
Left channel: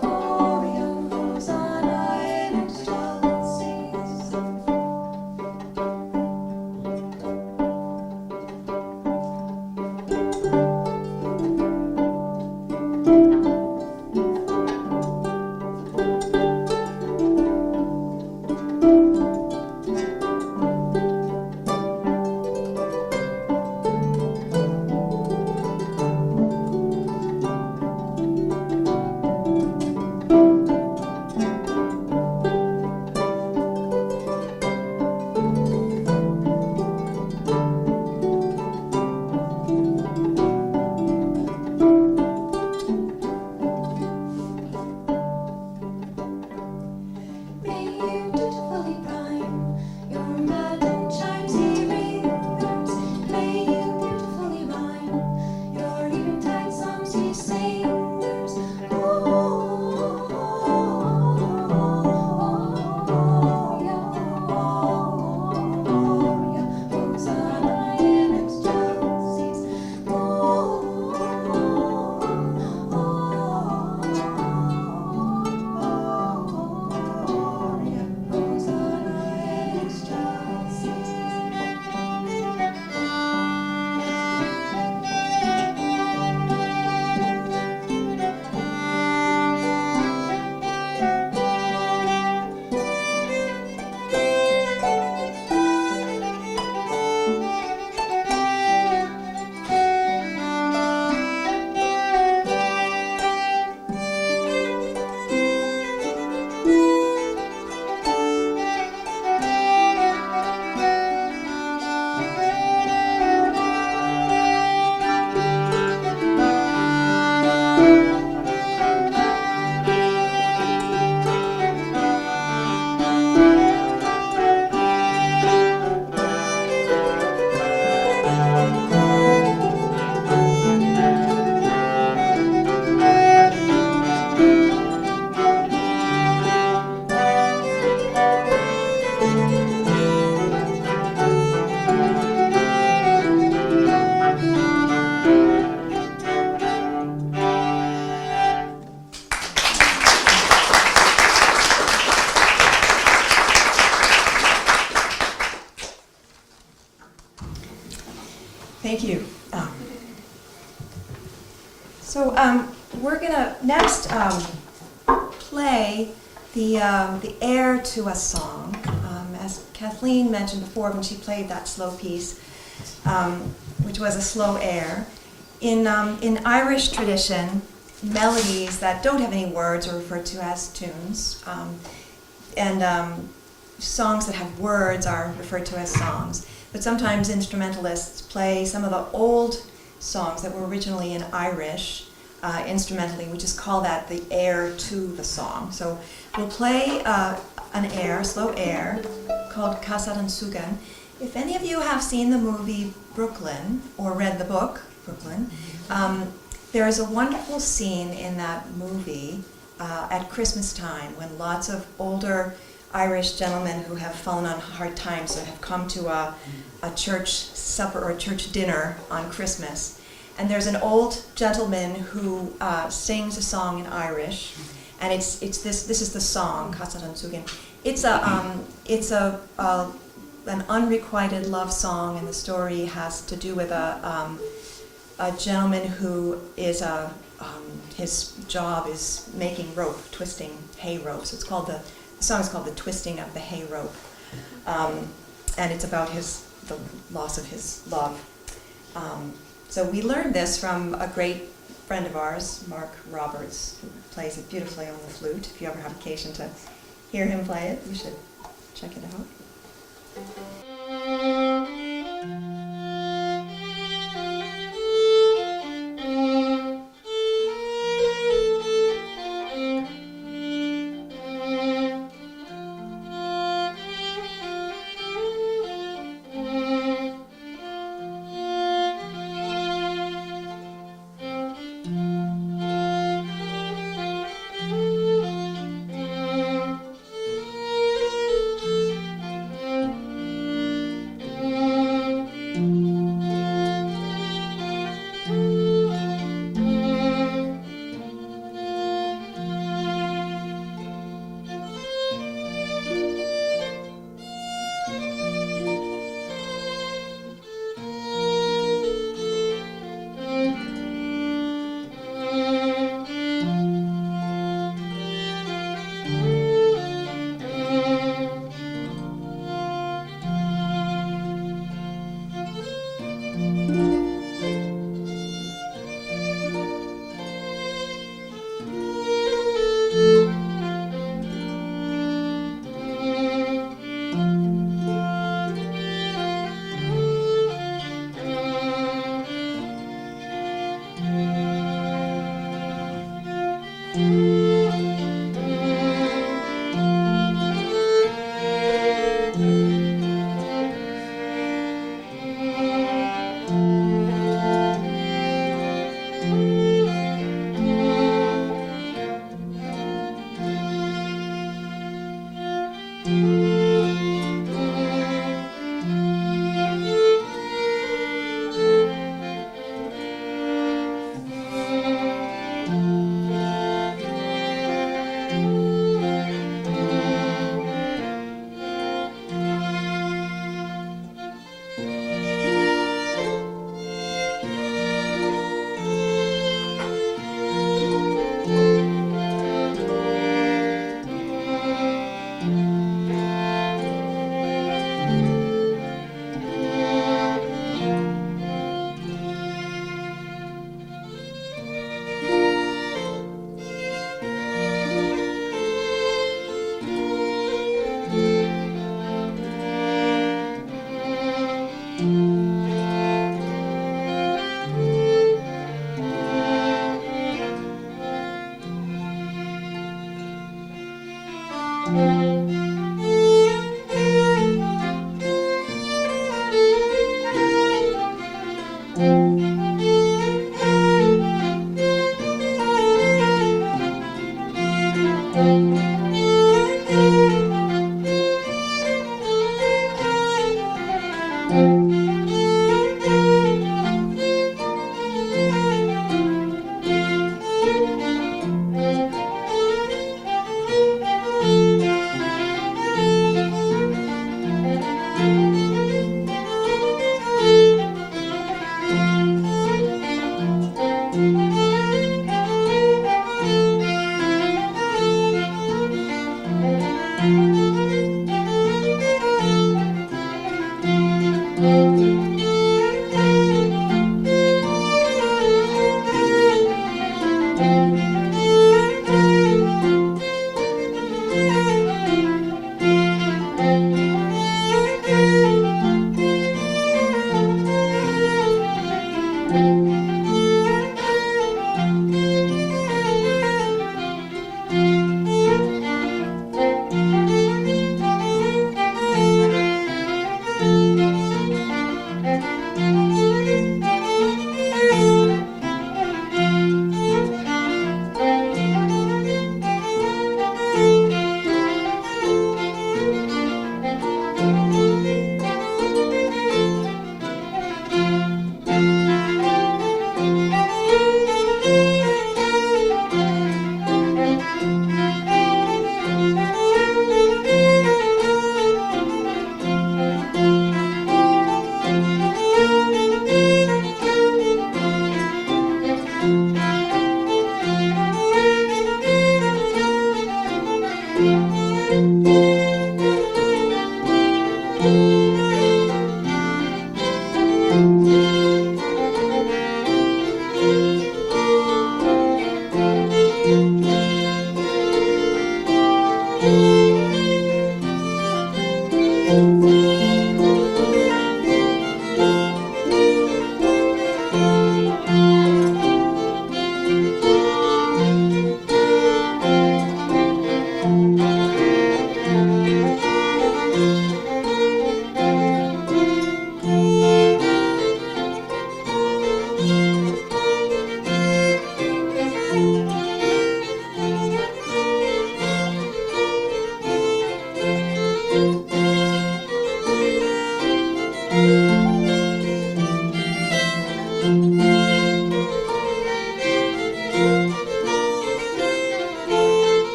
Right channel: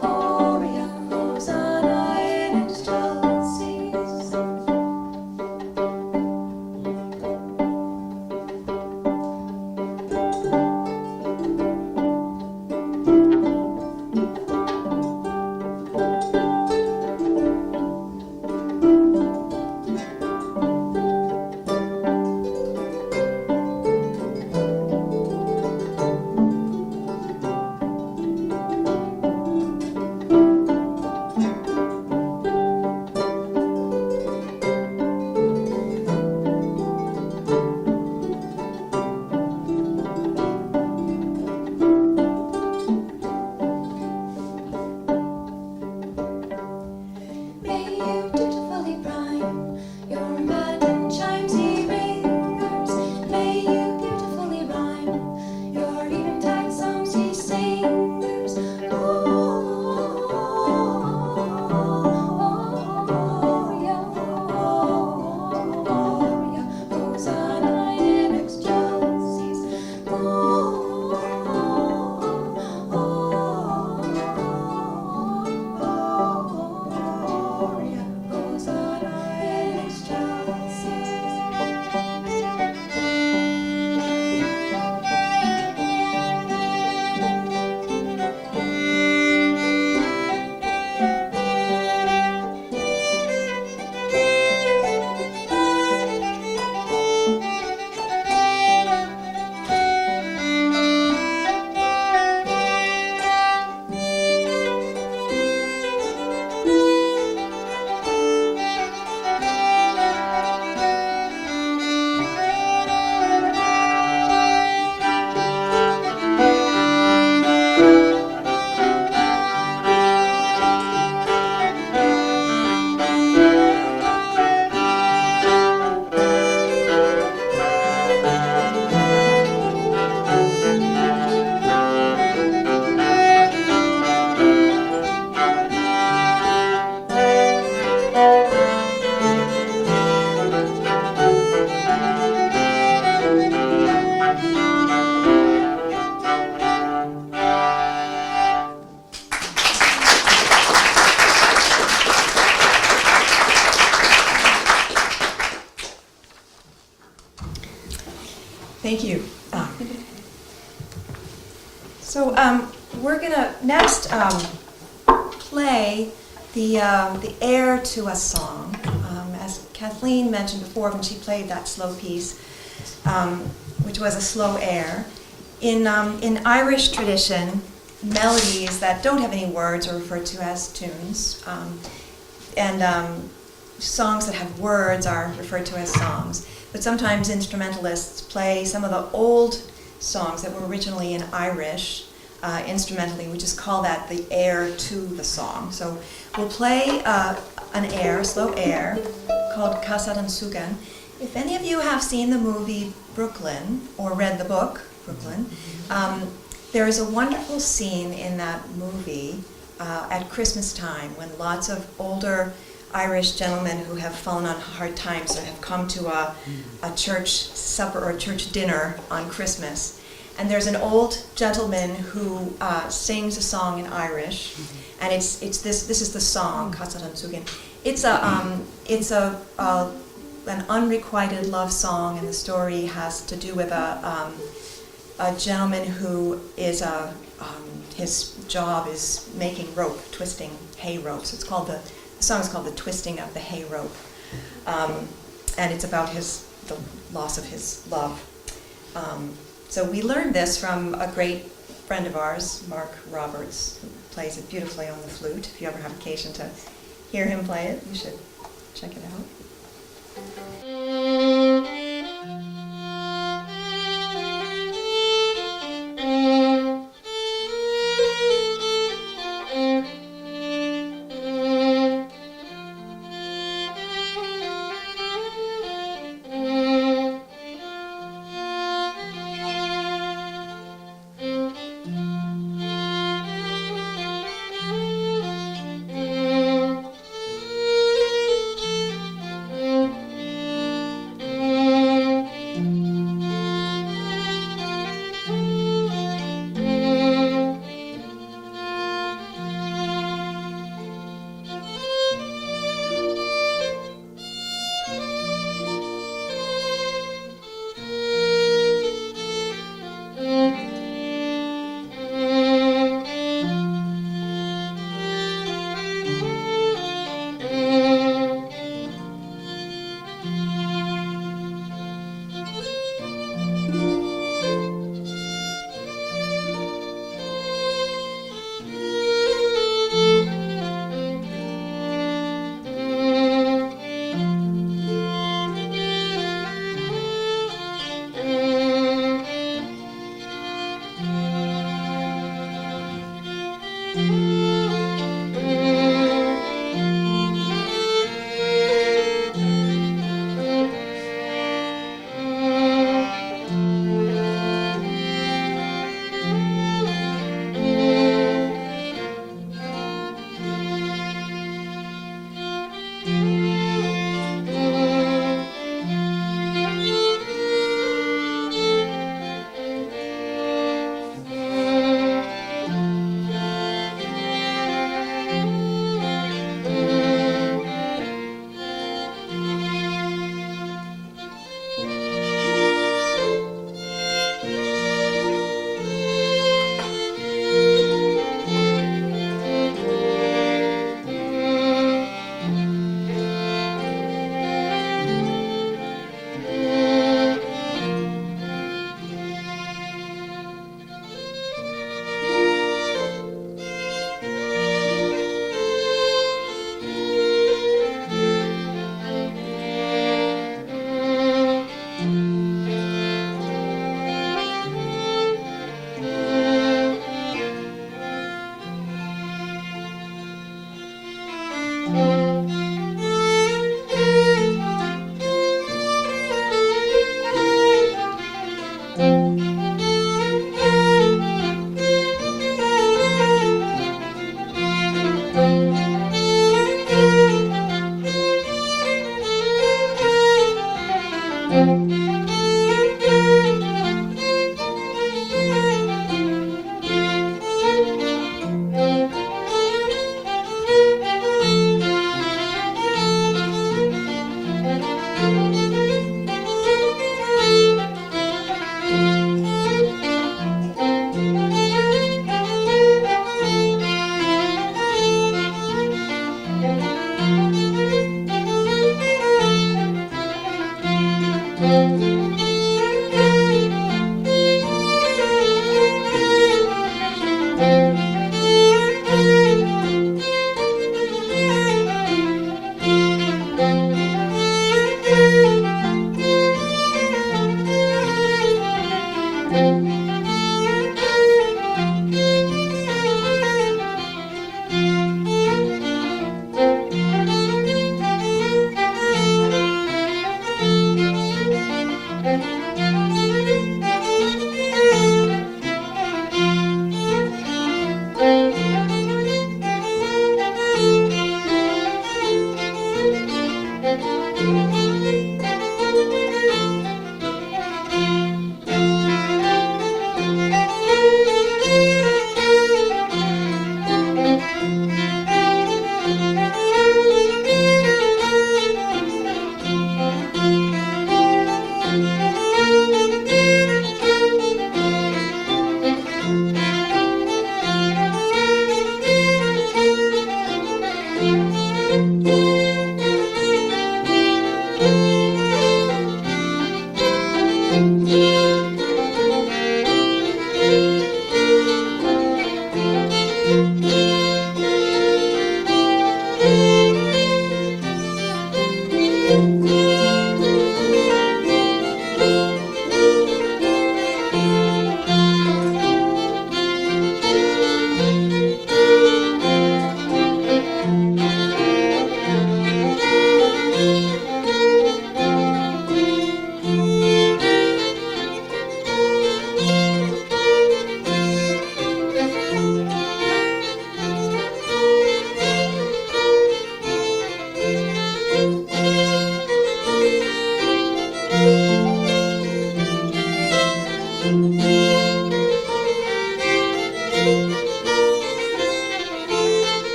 Gloria, Hosanna in excelsis. May you dutifully prime your matin chimes, ye ringers. May you beautifully rhyme your eventide songs, ye singers. Gloria, Hosanna in excelsis. Gloria, Hosanna in excelsis. Thank you. So we're gonna next play the air to a song. As Kathleen mentioned before when she played that slow piece, which was a slow air. In Irish tradition, melodies that don't have any words are referred to as tunes, and songs that have words are referred to as songs. But sometimes instrumentalists play some of the old songs that were originally in Irish instrumentally. We just call that the air to the song. So we'll play an air, a slow air, called Casad an Sugan. If any of you have seen the movie Brooklyn or read the book Brooklyn, there is a wonderful scene in that movie at Christmas time when lots of older Irish gentlemen who have fallen on hard times have come to a church supper or a church dinner on Christmas. And there's an old gentleman who sings a song in Irish, and it's this is the song Casad an Sugan. It's an unrequited love song, and the story has to do with a gentleman who is his job is making rope, twisting hay rope. So the song is called "The Twisting of the Hay Rope," and it's about the loss of his love. So we learned this from a great friend of ours, Mark Roberts, who plays it beautifully on the flute. If you ever have occasion to hear him play it, you should check it out.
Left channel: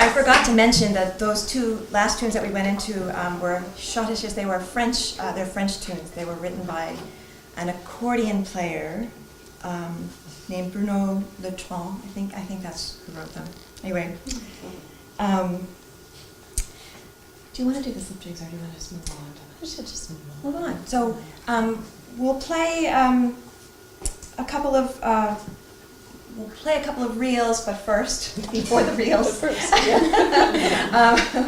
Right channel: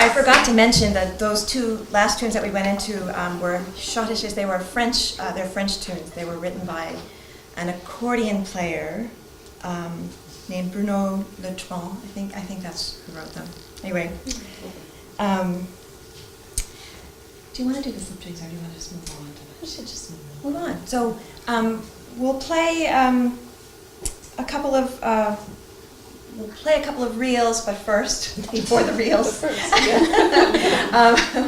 I forgot to mention that those two last tunes that we went into were schottisches. They were French. They're French tunes. They were written by an accordion player named Bruno Letron. I think that's who wrote them. Anyway, do you want to do the slip jigs, or do you want to just move on to We it? should just move on. Move on. So we'll play a couple of. We'll play a couple of reels, but first, before the reels,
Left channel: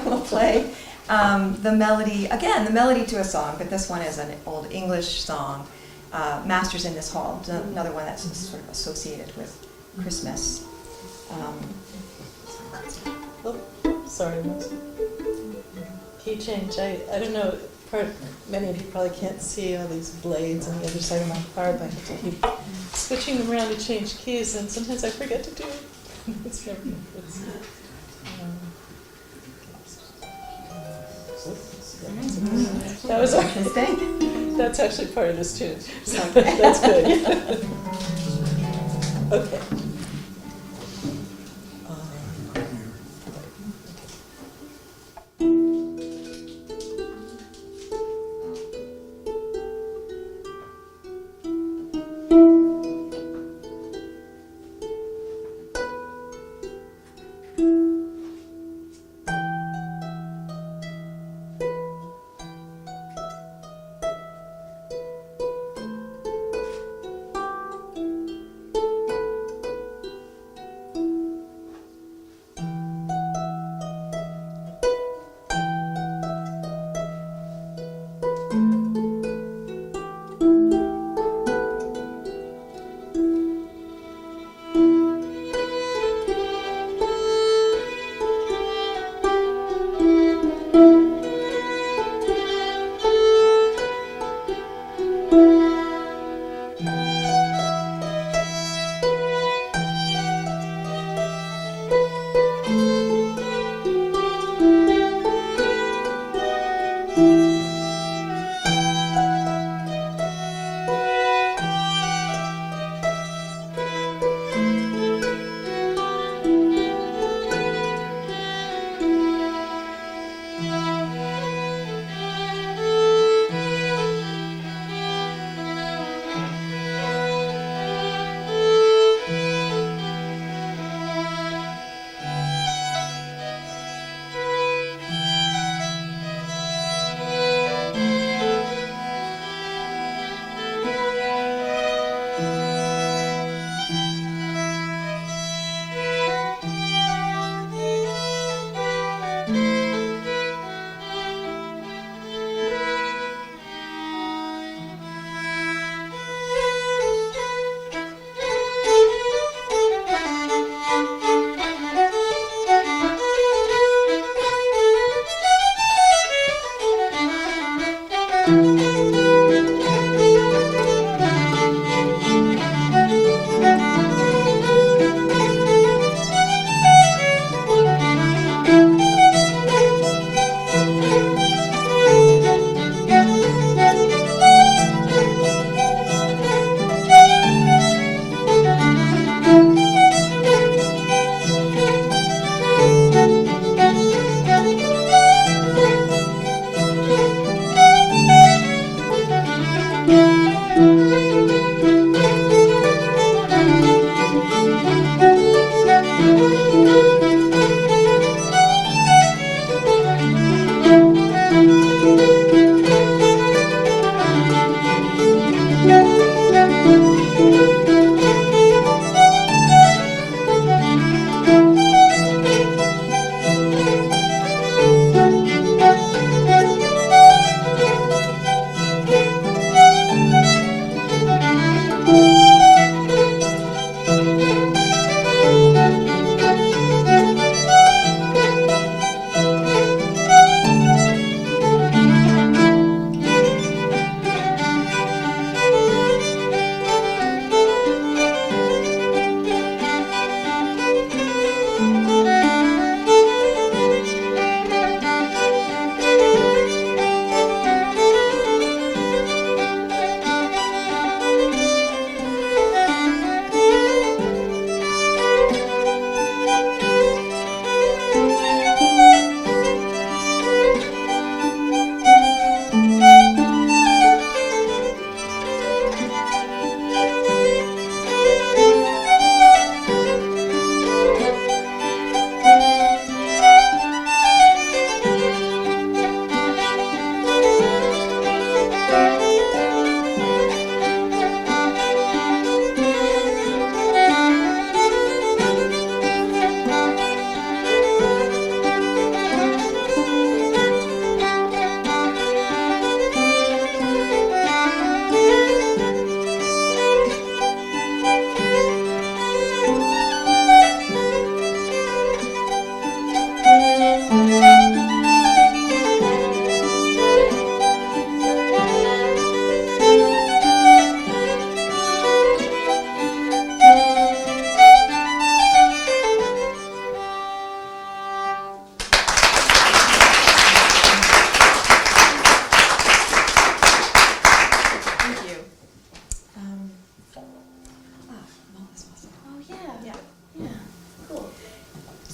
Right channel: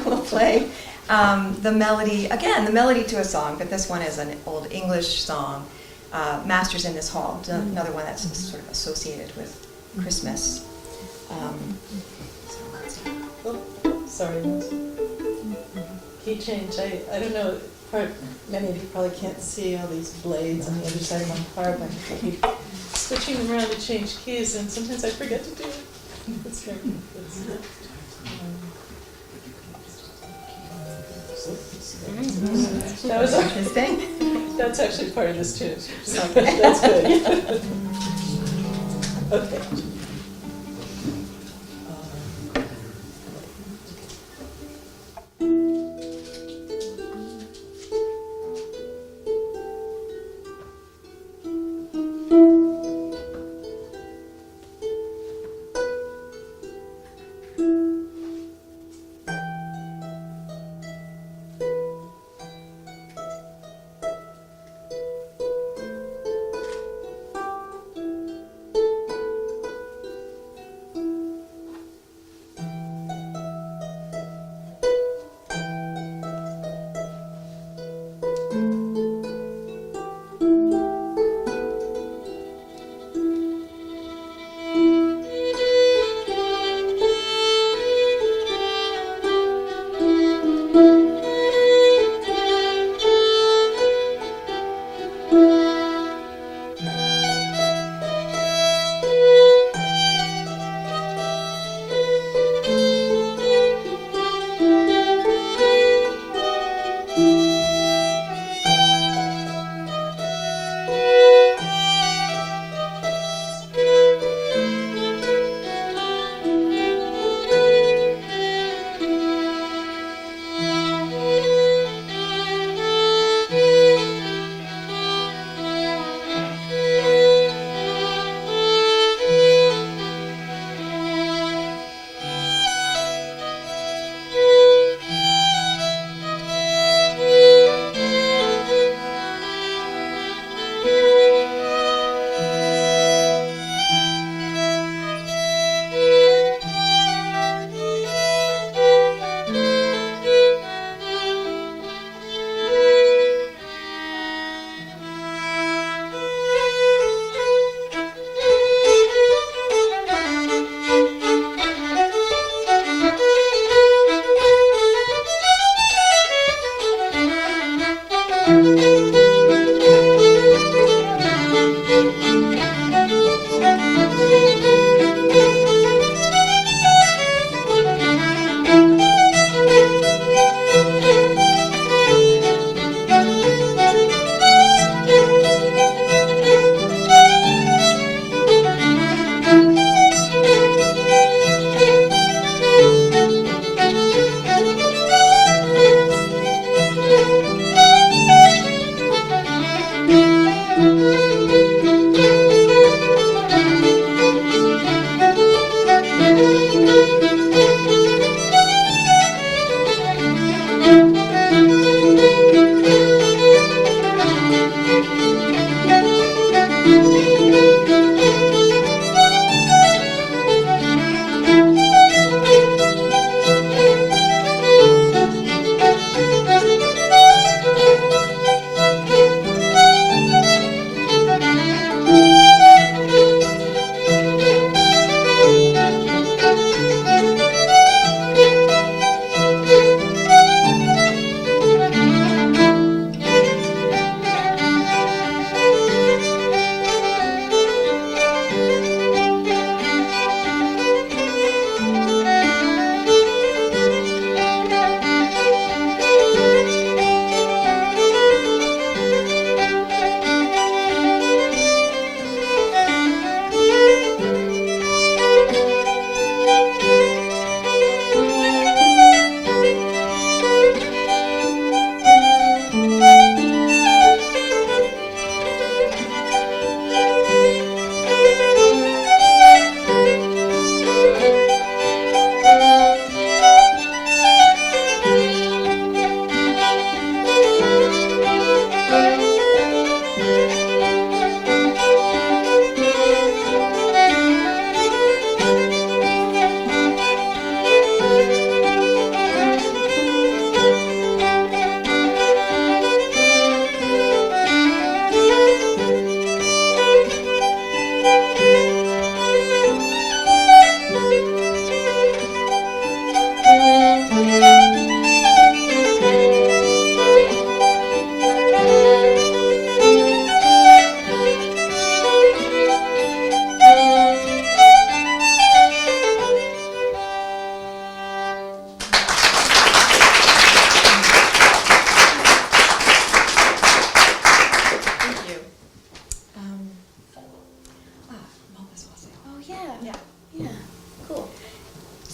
we'll play the melody, again, the melody to a song, but this one is an old English song, Masters in This Hall, it's another one that's sort of associated with Christmas. Oh, sorry. Key change. I don't know, many of you probably can't see all these blades on the other side of my car, but I have to keep switching them around to change keys, and sometimes I forget to do it. That was Interesting. That's actually part of this too. Okay. That's good. Okay.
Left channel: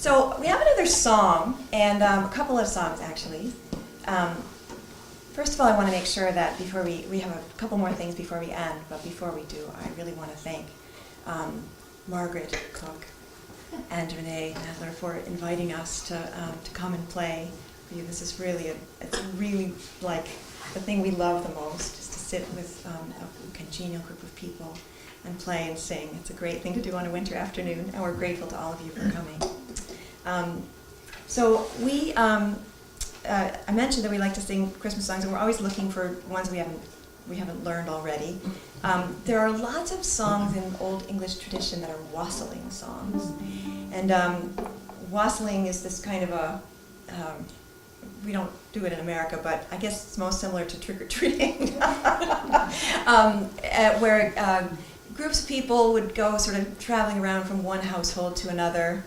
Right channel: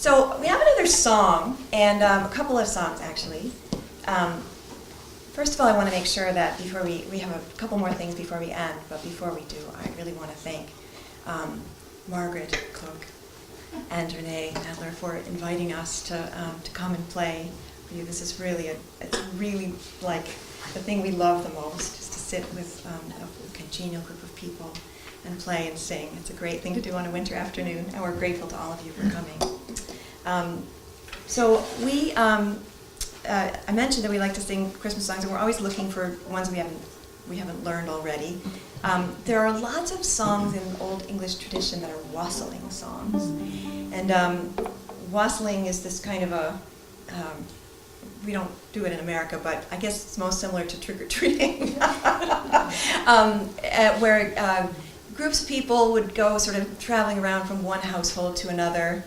So we have another song, and a couple of songs actually. First of all, I want to make sure that before we have a couple more things before we end, but before we do, I really want to thank Margaret Cook and Renee Nadler for inviting us to come and play for you. This is really, it's really like the thing we love the most, is to sit with a congenial group of people and play and sing. It's a great thing to do on a winter afternoon, and we're grateful to all of you for coming. So we, I mentioned that we like to sing Christmas songs, and we're always looking for ones we haven't learned already. There are lots of songs in Old English tradition that are wassailing songs, and wassailing is this kind of a we don't do it in America, but I guess it's most similar to trick-or-treating, where groups of people would go sort of traveling around from one household to another,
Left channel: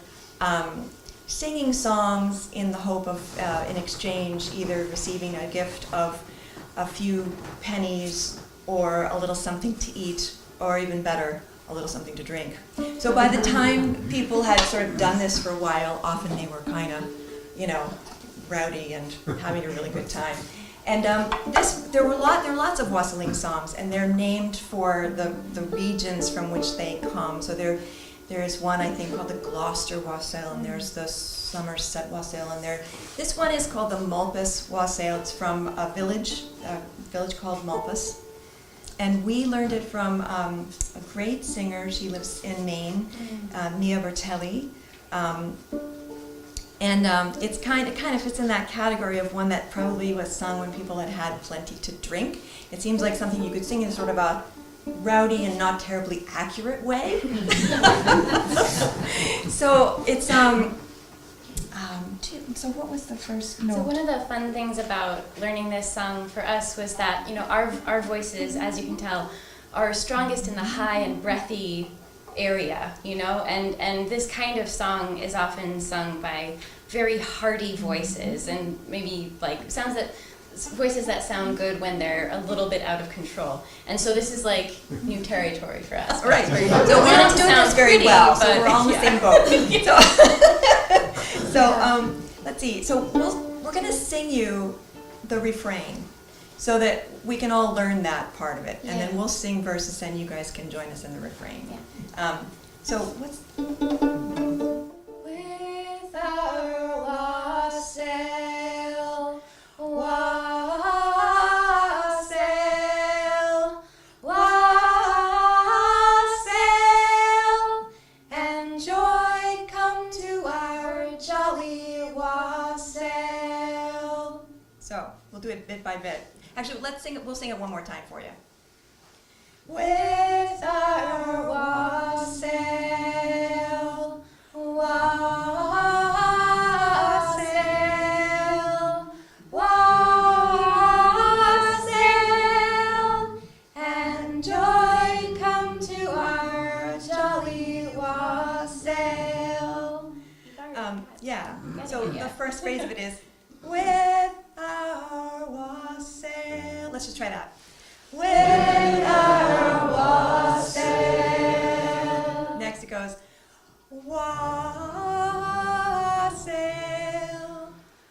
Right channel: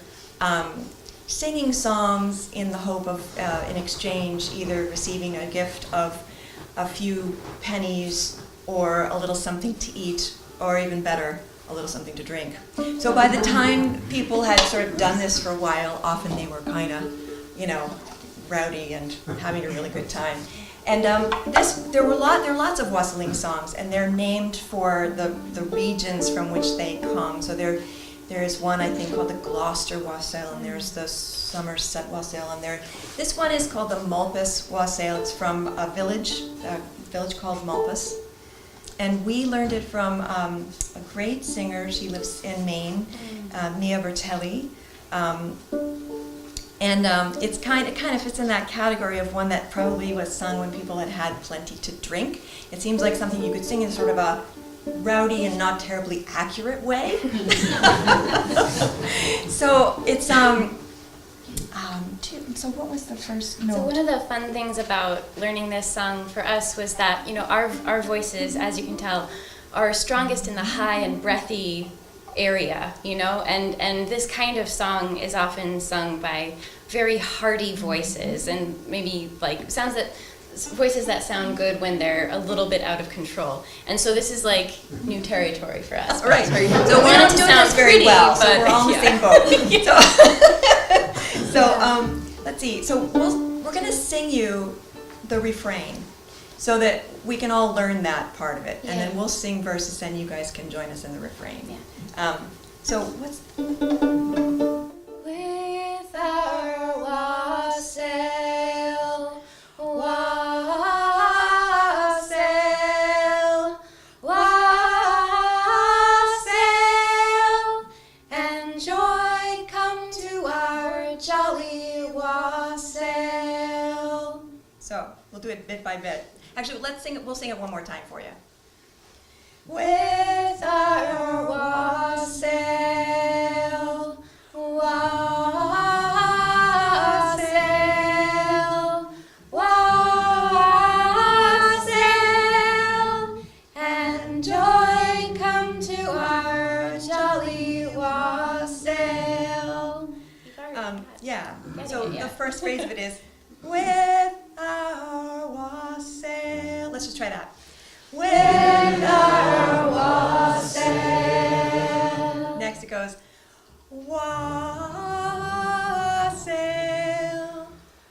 singing songs in the hope of, in exchange, either receiving a gift of a few pennies or a little something to eat, or even better, a little something to drink. So by the time people had sort of done this for a while, often they were kind of, rowdy and having a really good time. And there are lots of wassailing songs, and they're named for the regions from which they come. So there's one, I think, called the Gloucester wassail, and there's the Somerset wassail, and this one is called the Mulpus wassail. It's from a village called Mulpus. And we learned it from a great singer. She lives in Maine, Mia Bertelli. And it's kind of fits in that category of one that probably was sung when people had plenty to drink. It seems like something you could sing in sort of a rowdy and not terribly accurate way. So it's So what was the first So note? one of the fun things about learning this song for us was that, our voices, as you can tell, are strongest in the high and breathy area, and this kind of song is often sung by very hearty voices and maybe voices that sound good when they're a little bit out of control. And so this is like new territory for us. Right. So we don't do this very pretty, well, so but- we're all in the same boat. So let's see. So we're going to sing you the refrain so that we can all learn that part of it. And then Yeah. we'll sing verses and you guys can join us in the refrain. So what's... With our wassail, wassail, wassail, and joy come to our jolly wassail. So we'll do it bit by bit. Actually, let's sing it. We'll sing it one more time for you. With our wassail, wassail, wassail, and joy come to our jolly wassail. Yeah. So the first phrase of it is with our wassail. Let's just try that. With our wassail. Next it goes wassail,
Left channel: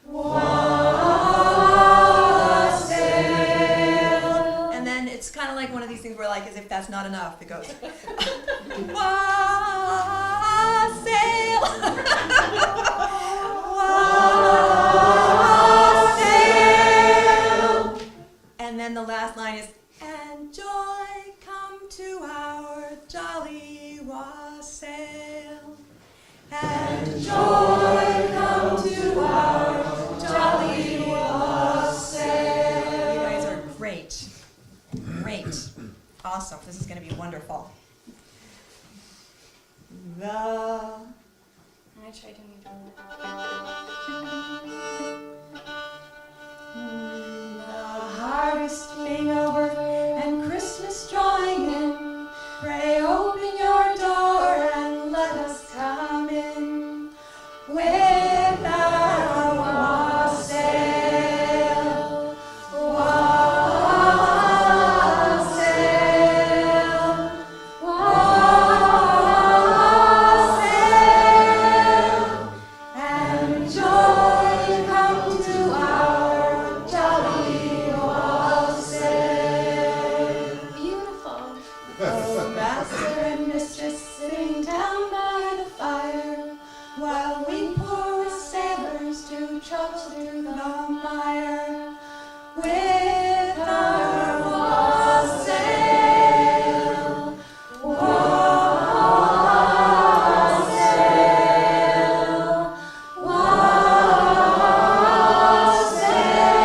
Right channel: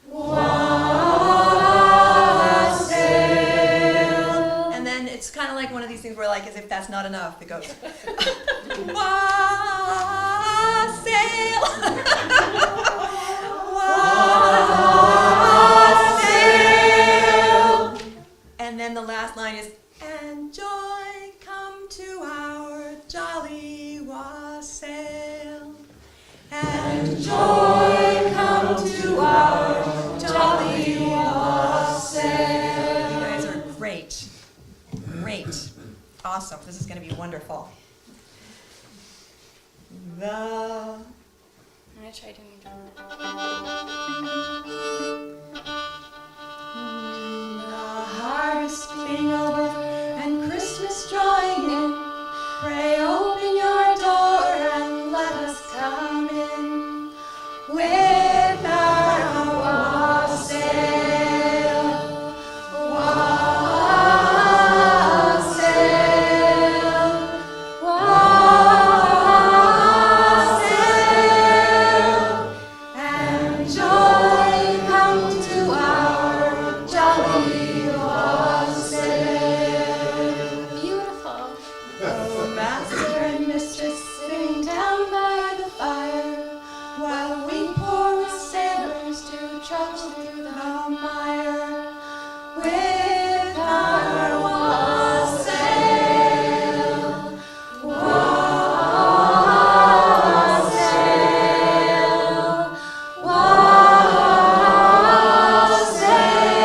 wassail. And then it's kind of like one of these things where, like, as if that's not enough, it goes wassail. Wassail. And then the last line is, and joy come to our jolly wassail. And joy come to our jolly wassail. You guys are great. Great. Awesome. This is going to be wonderful. I'm going to try doing it. The harvest being over and Christmas drawing in, pray open your door and let us come in. With our wassail, wassail, wassail, and joy come to our jolly wassail. Beautiful. Oh, master and mistress sitting down by the fire, while we poor sailors do trudge through the mire. With our wassail, wassail, wassail,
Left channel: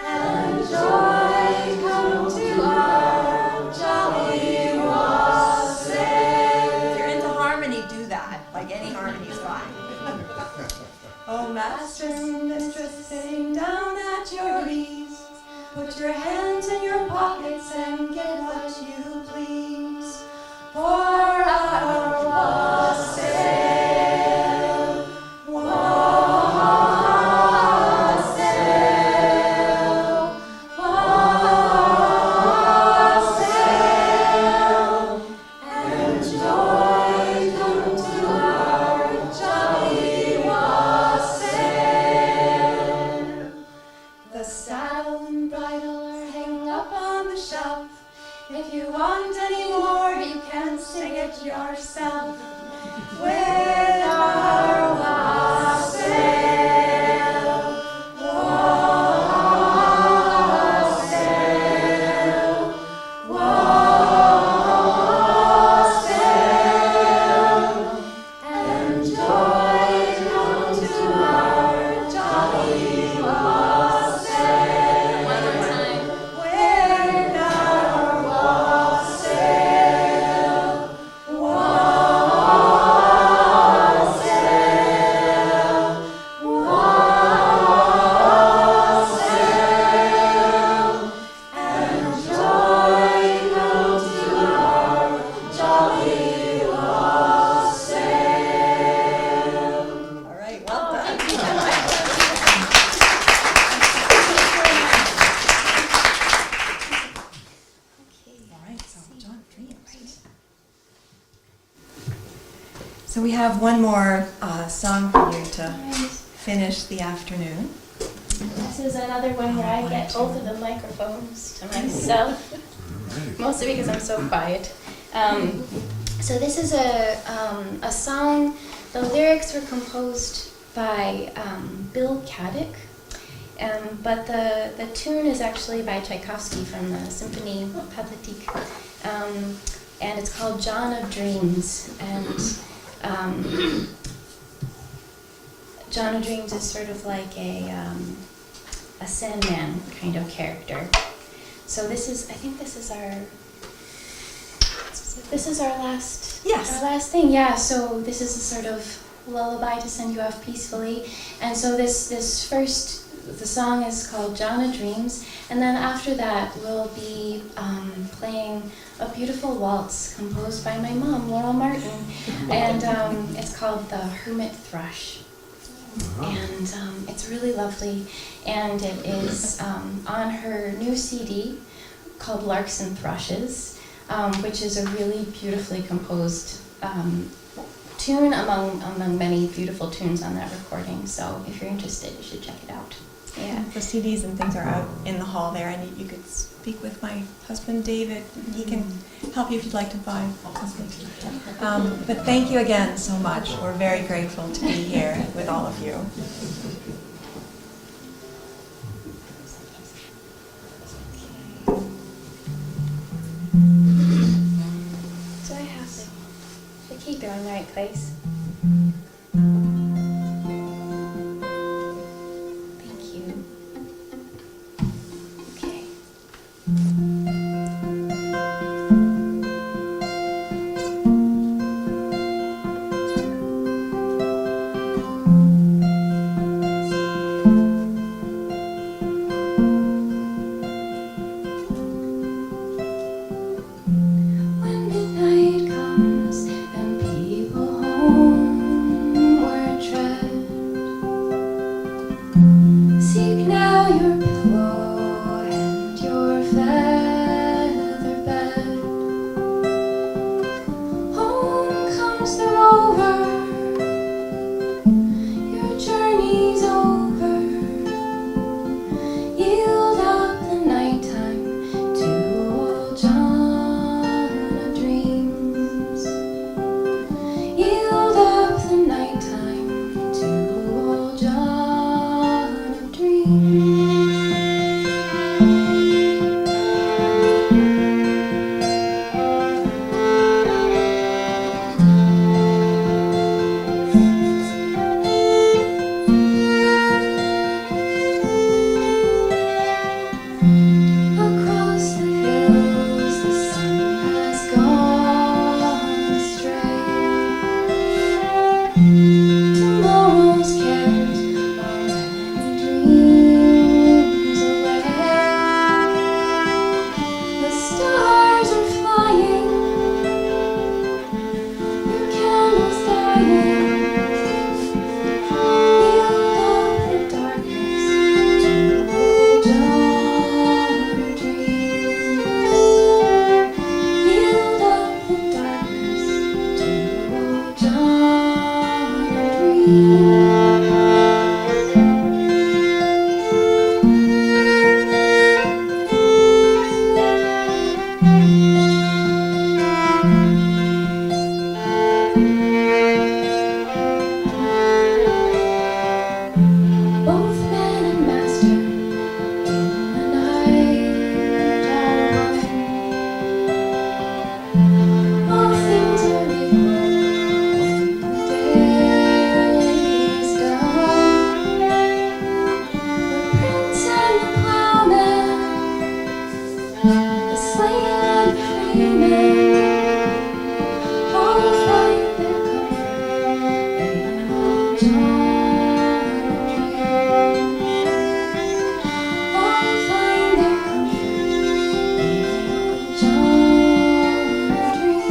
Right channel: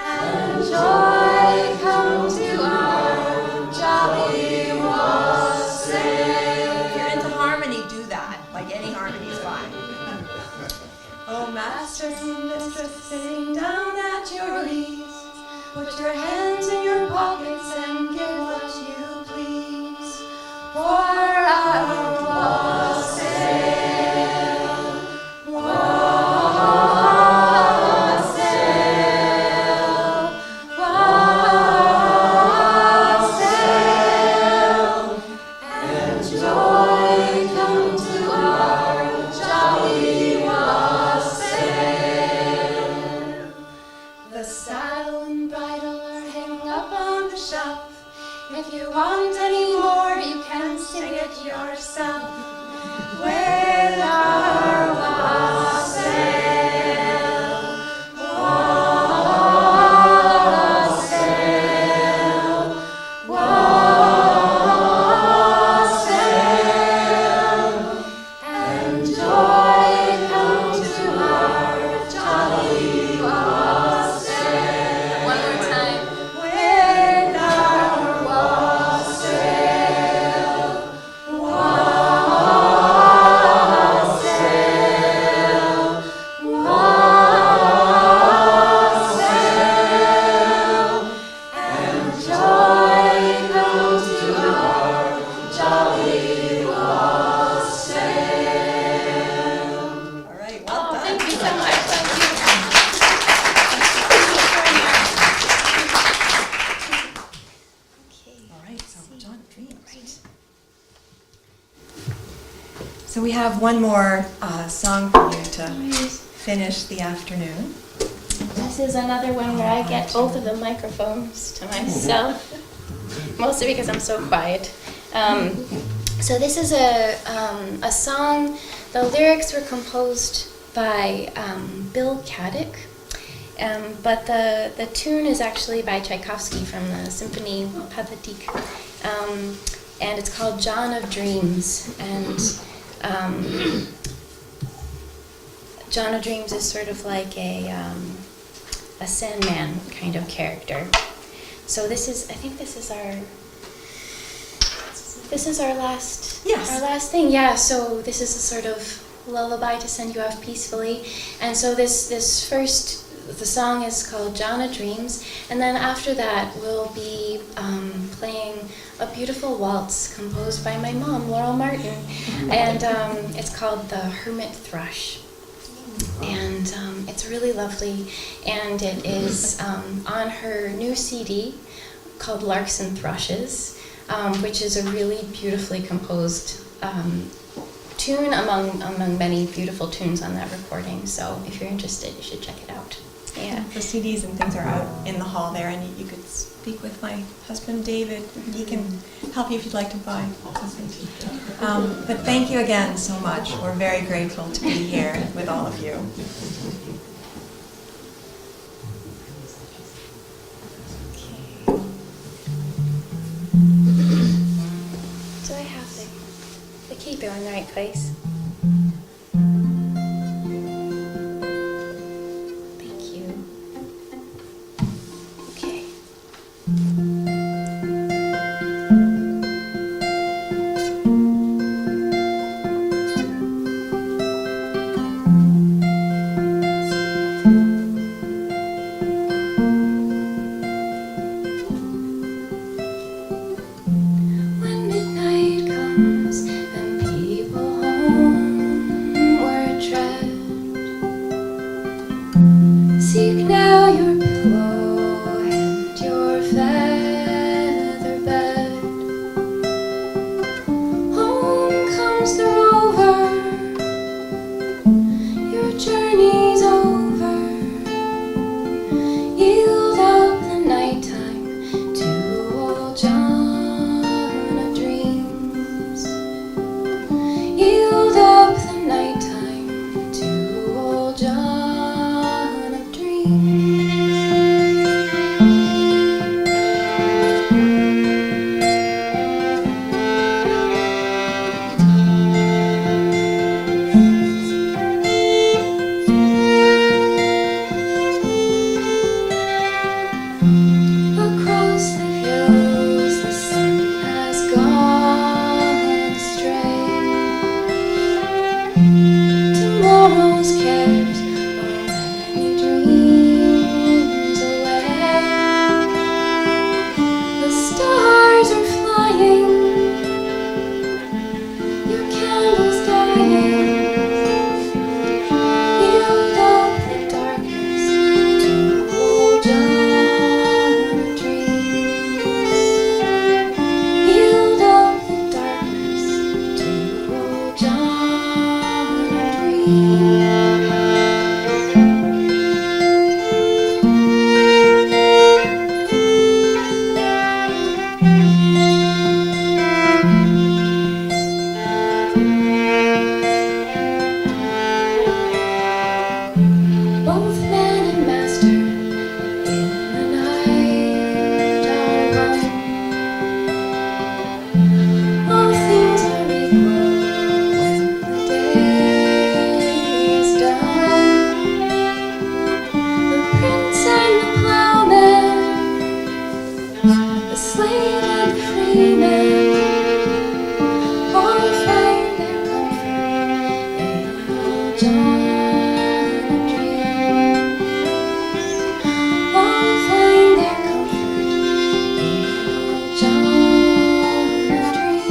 and joy come to our jolly wassail. If you're into harmony, do that. Like any harmony is fine. Oh, master and mistress sitting down at your ease, put your hands in your pockets and give what you please. For our wassail, wassail, wassail, and joy come to our jolly wassail. The saddle and bridle are hanging up on the shelf. If you want any more, you can sing it yourself. With our wassail, wassail, wassail, and joy come to our jolly wassail. One other time. With our wassail, wassail, So we have one more song for you to finish the afternoon. This is another one where I get both of the microphones to myself, mostly because I'm so quiet. So this is a song. The lyrics were composed by Bill Caddick, but the tune is actually by Tchaikovsky from the Symphonie Pathétique, and it's called John of Dreams. And John of Dreams is sort of like a Sandman kind of character. So I think this is our last. Yes. Our last thing, yeah. So this is a sort of lullaby to send you off peacefully. And so the song is called John of Dreams, and then after that we'll be playing a beautiful waltz composed by my mom, Laurel Martin, and it's called The Hermit Thrush. And it's really lovely, and it is on her new CD called Larks and Thrushes, which is a really beautifully composed tune among many beautiful tunes on that recording. So if you're interested, you should check it out. Yeah, the CDs and things are out in the hall there, and you could speak with my husband, David. He can help you if you'd like to buy something. But thank you again so much. We're very grateful to be here with all of you. So I have to keep it in the right place. Thank you. Okay. When midnight comes and people homeward tread, seek now your pillow and your feather bed. Home comes the rover, your journey's over. Yield up the nighttime to old John of Dreams. Yield up the nighttime to old John of Dreams. Across the hills the sun has gone astray. Tomorrow's cares are many dreams away. The stars are flying, your candles dying. Yield up the darkness to old John of Dreams. Yield up the darkness to old John of Dreams. Both man and master in the night are one. All things are equal when the day is done. The prince and the plowman, the slave and the freeman, all find their comfort in old John of Dreams. All find their comfort in old John of Dreams.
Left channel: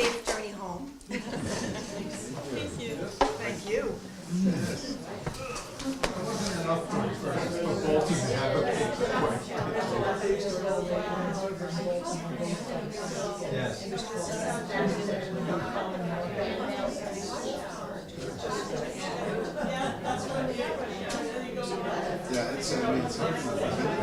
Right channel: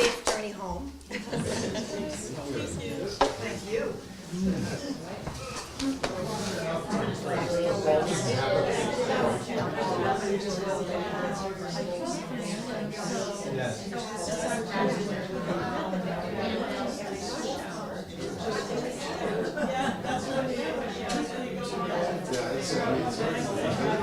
Safe journey home. Thank you. Thank you. Yeah, it's a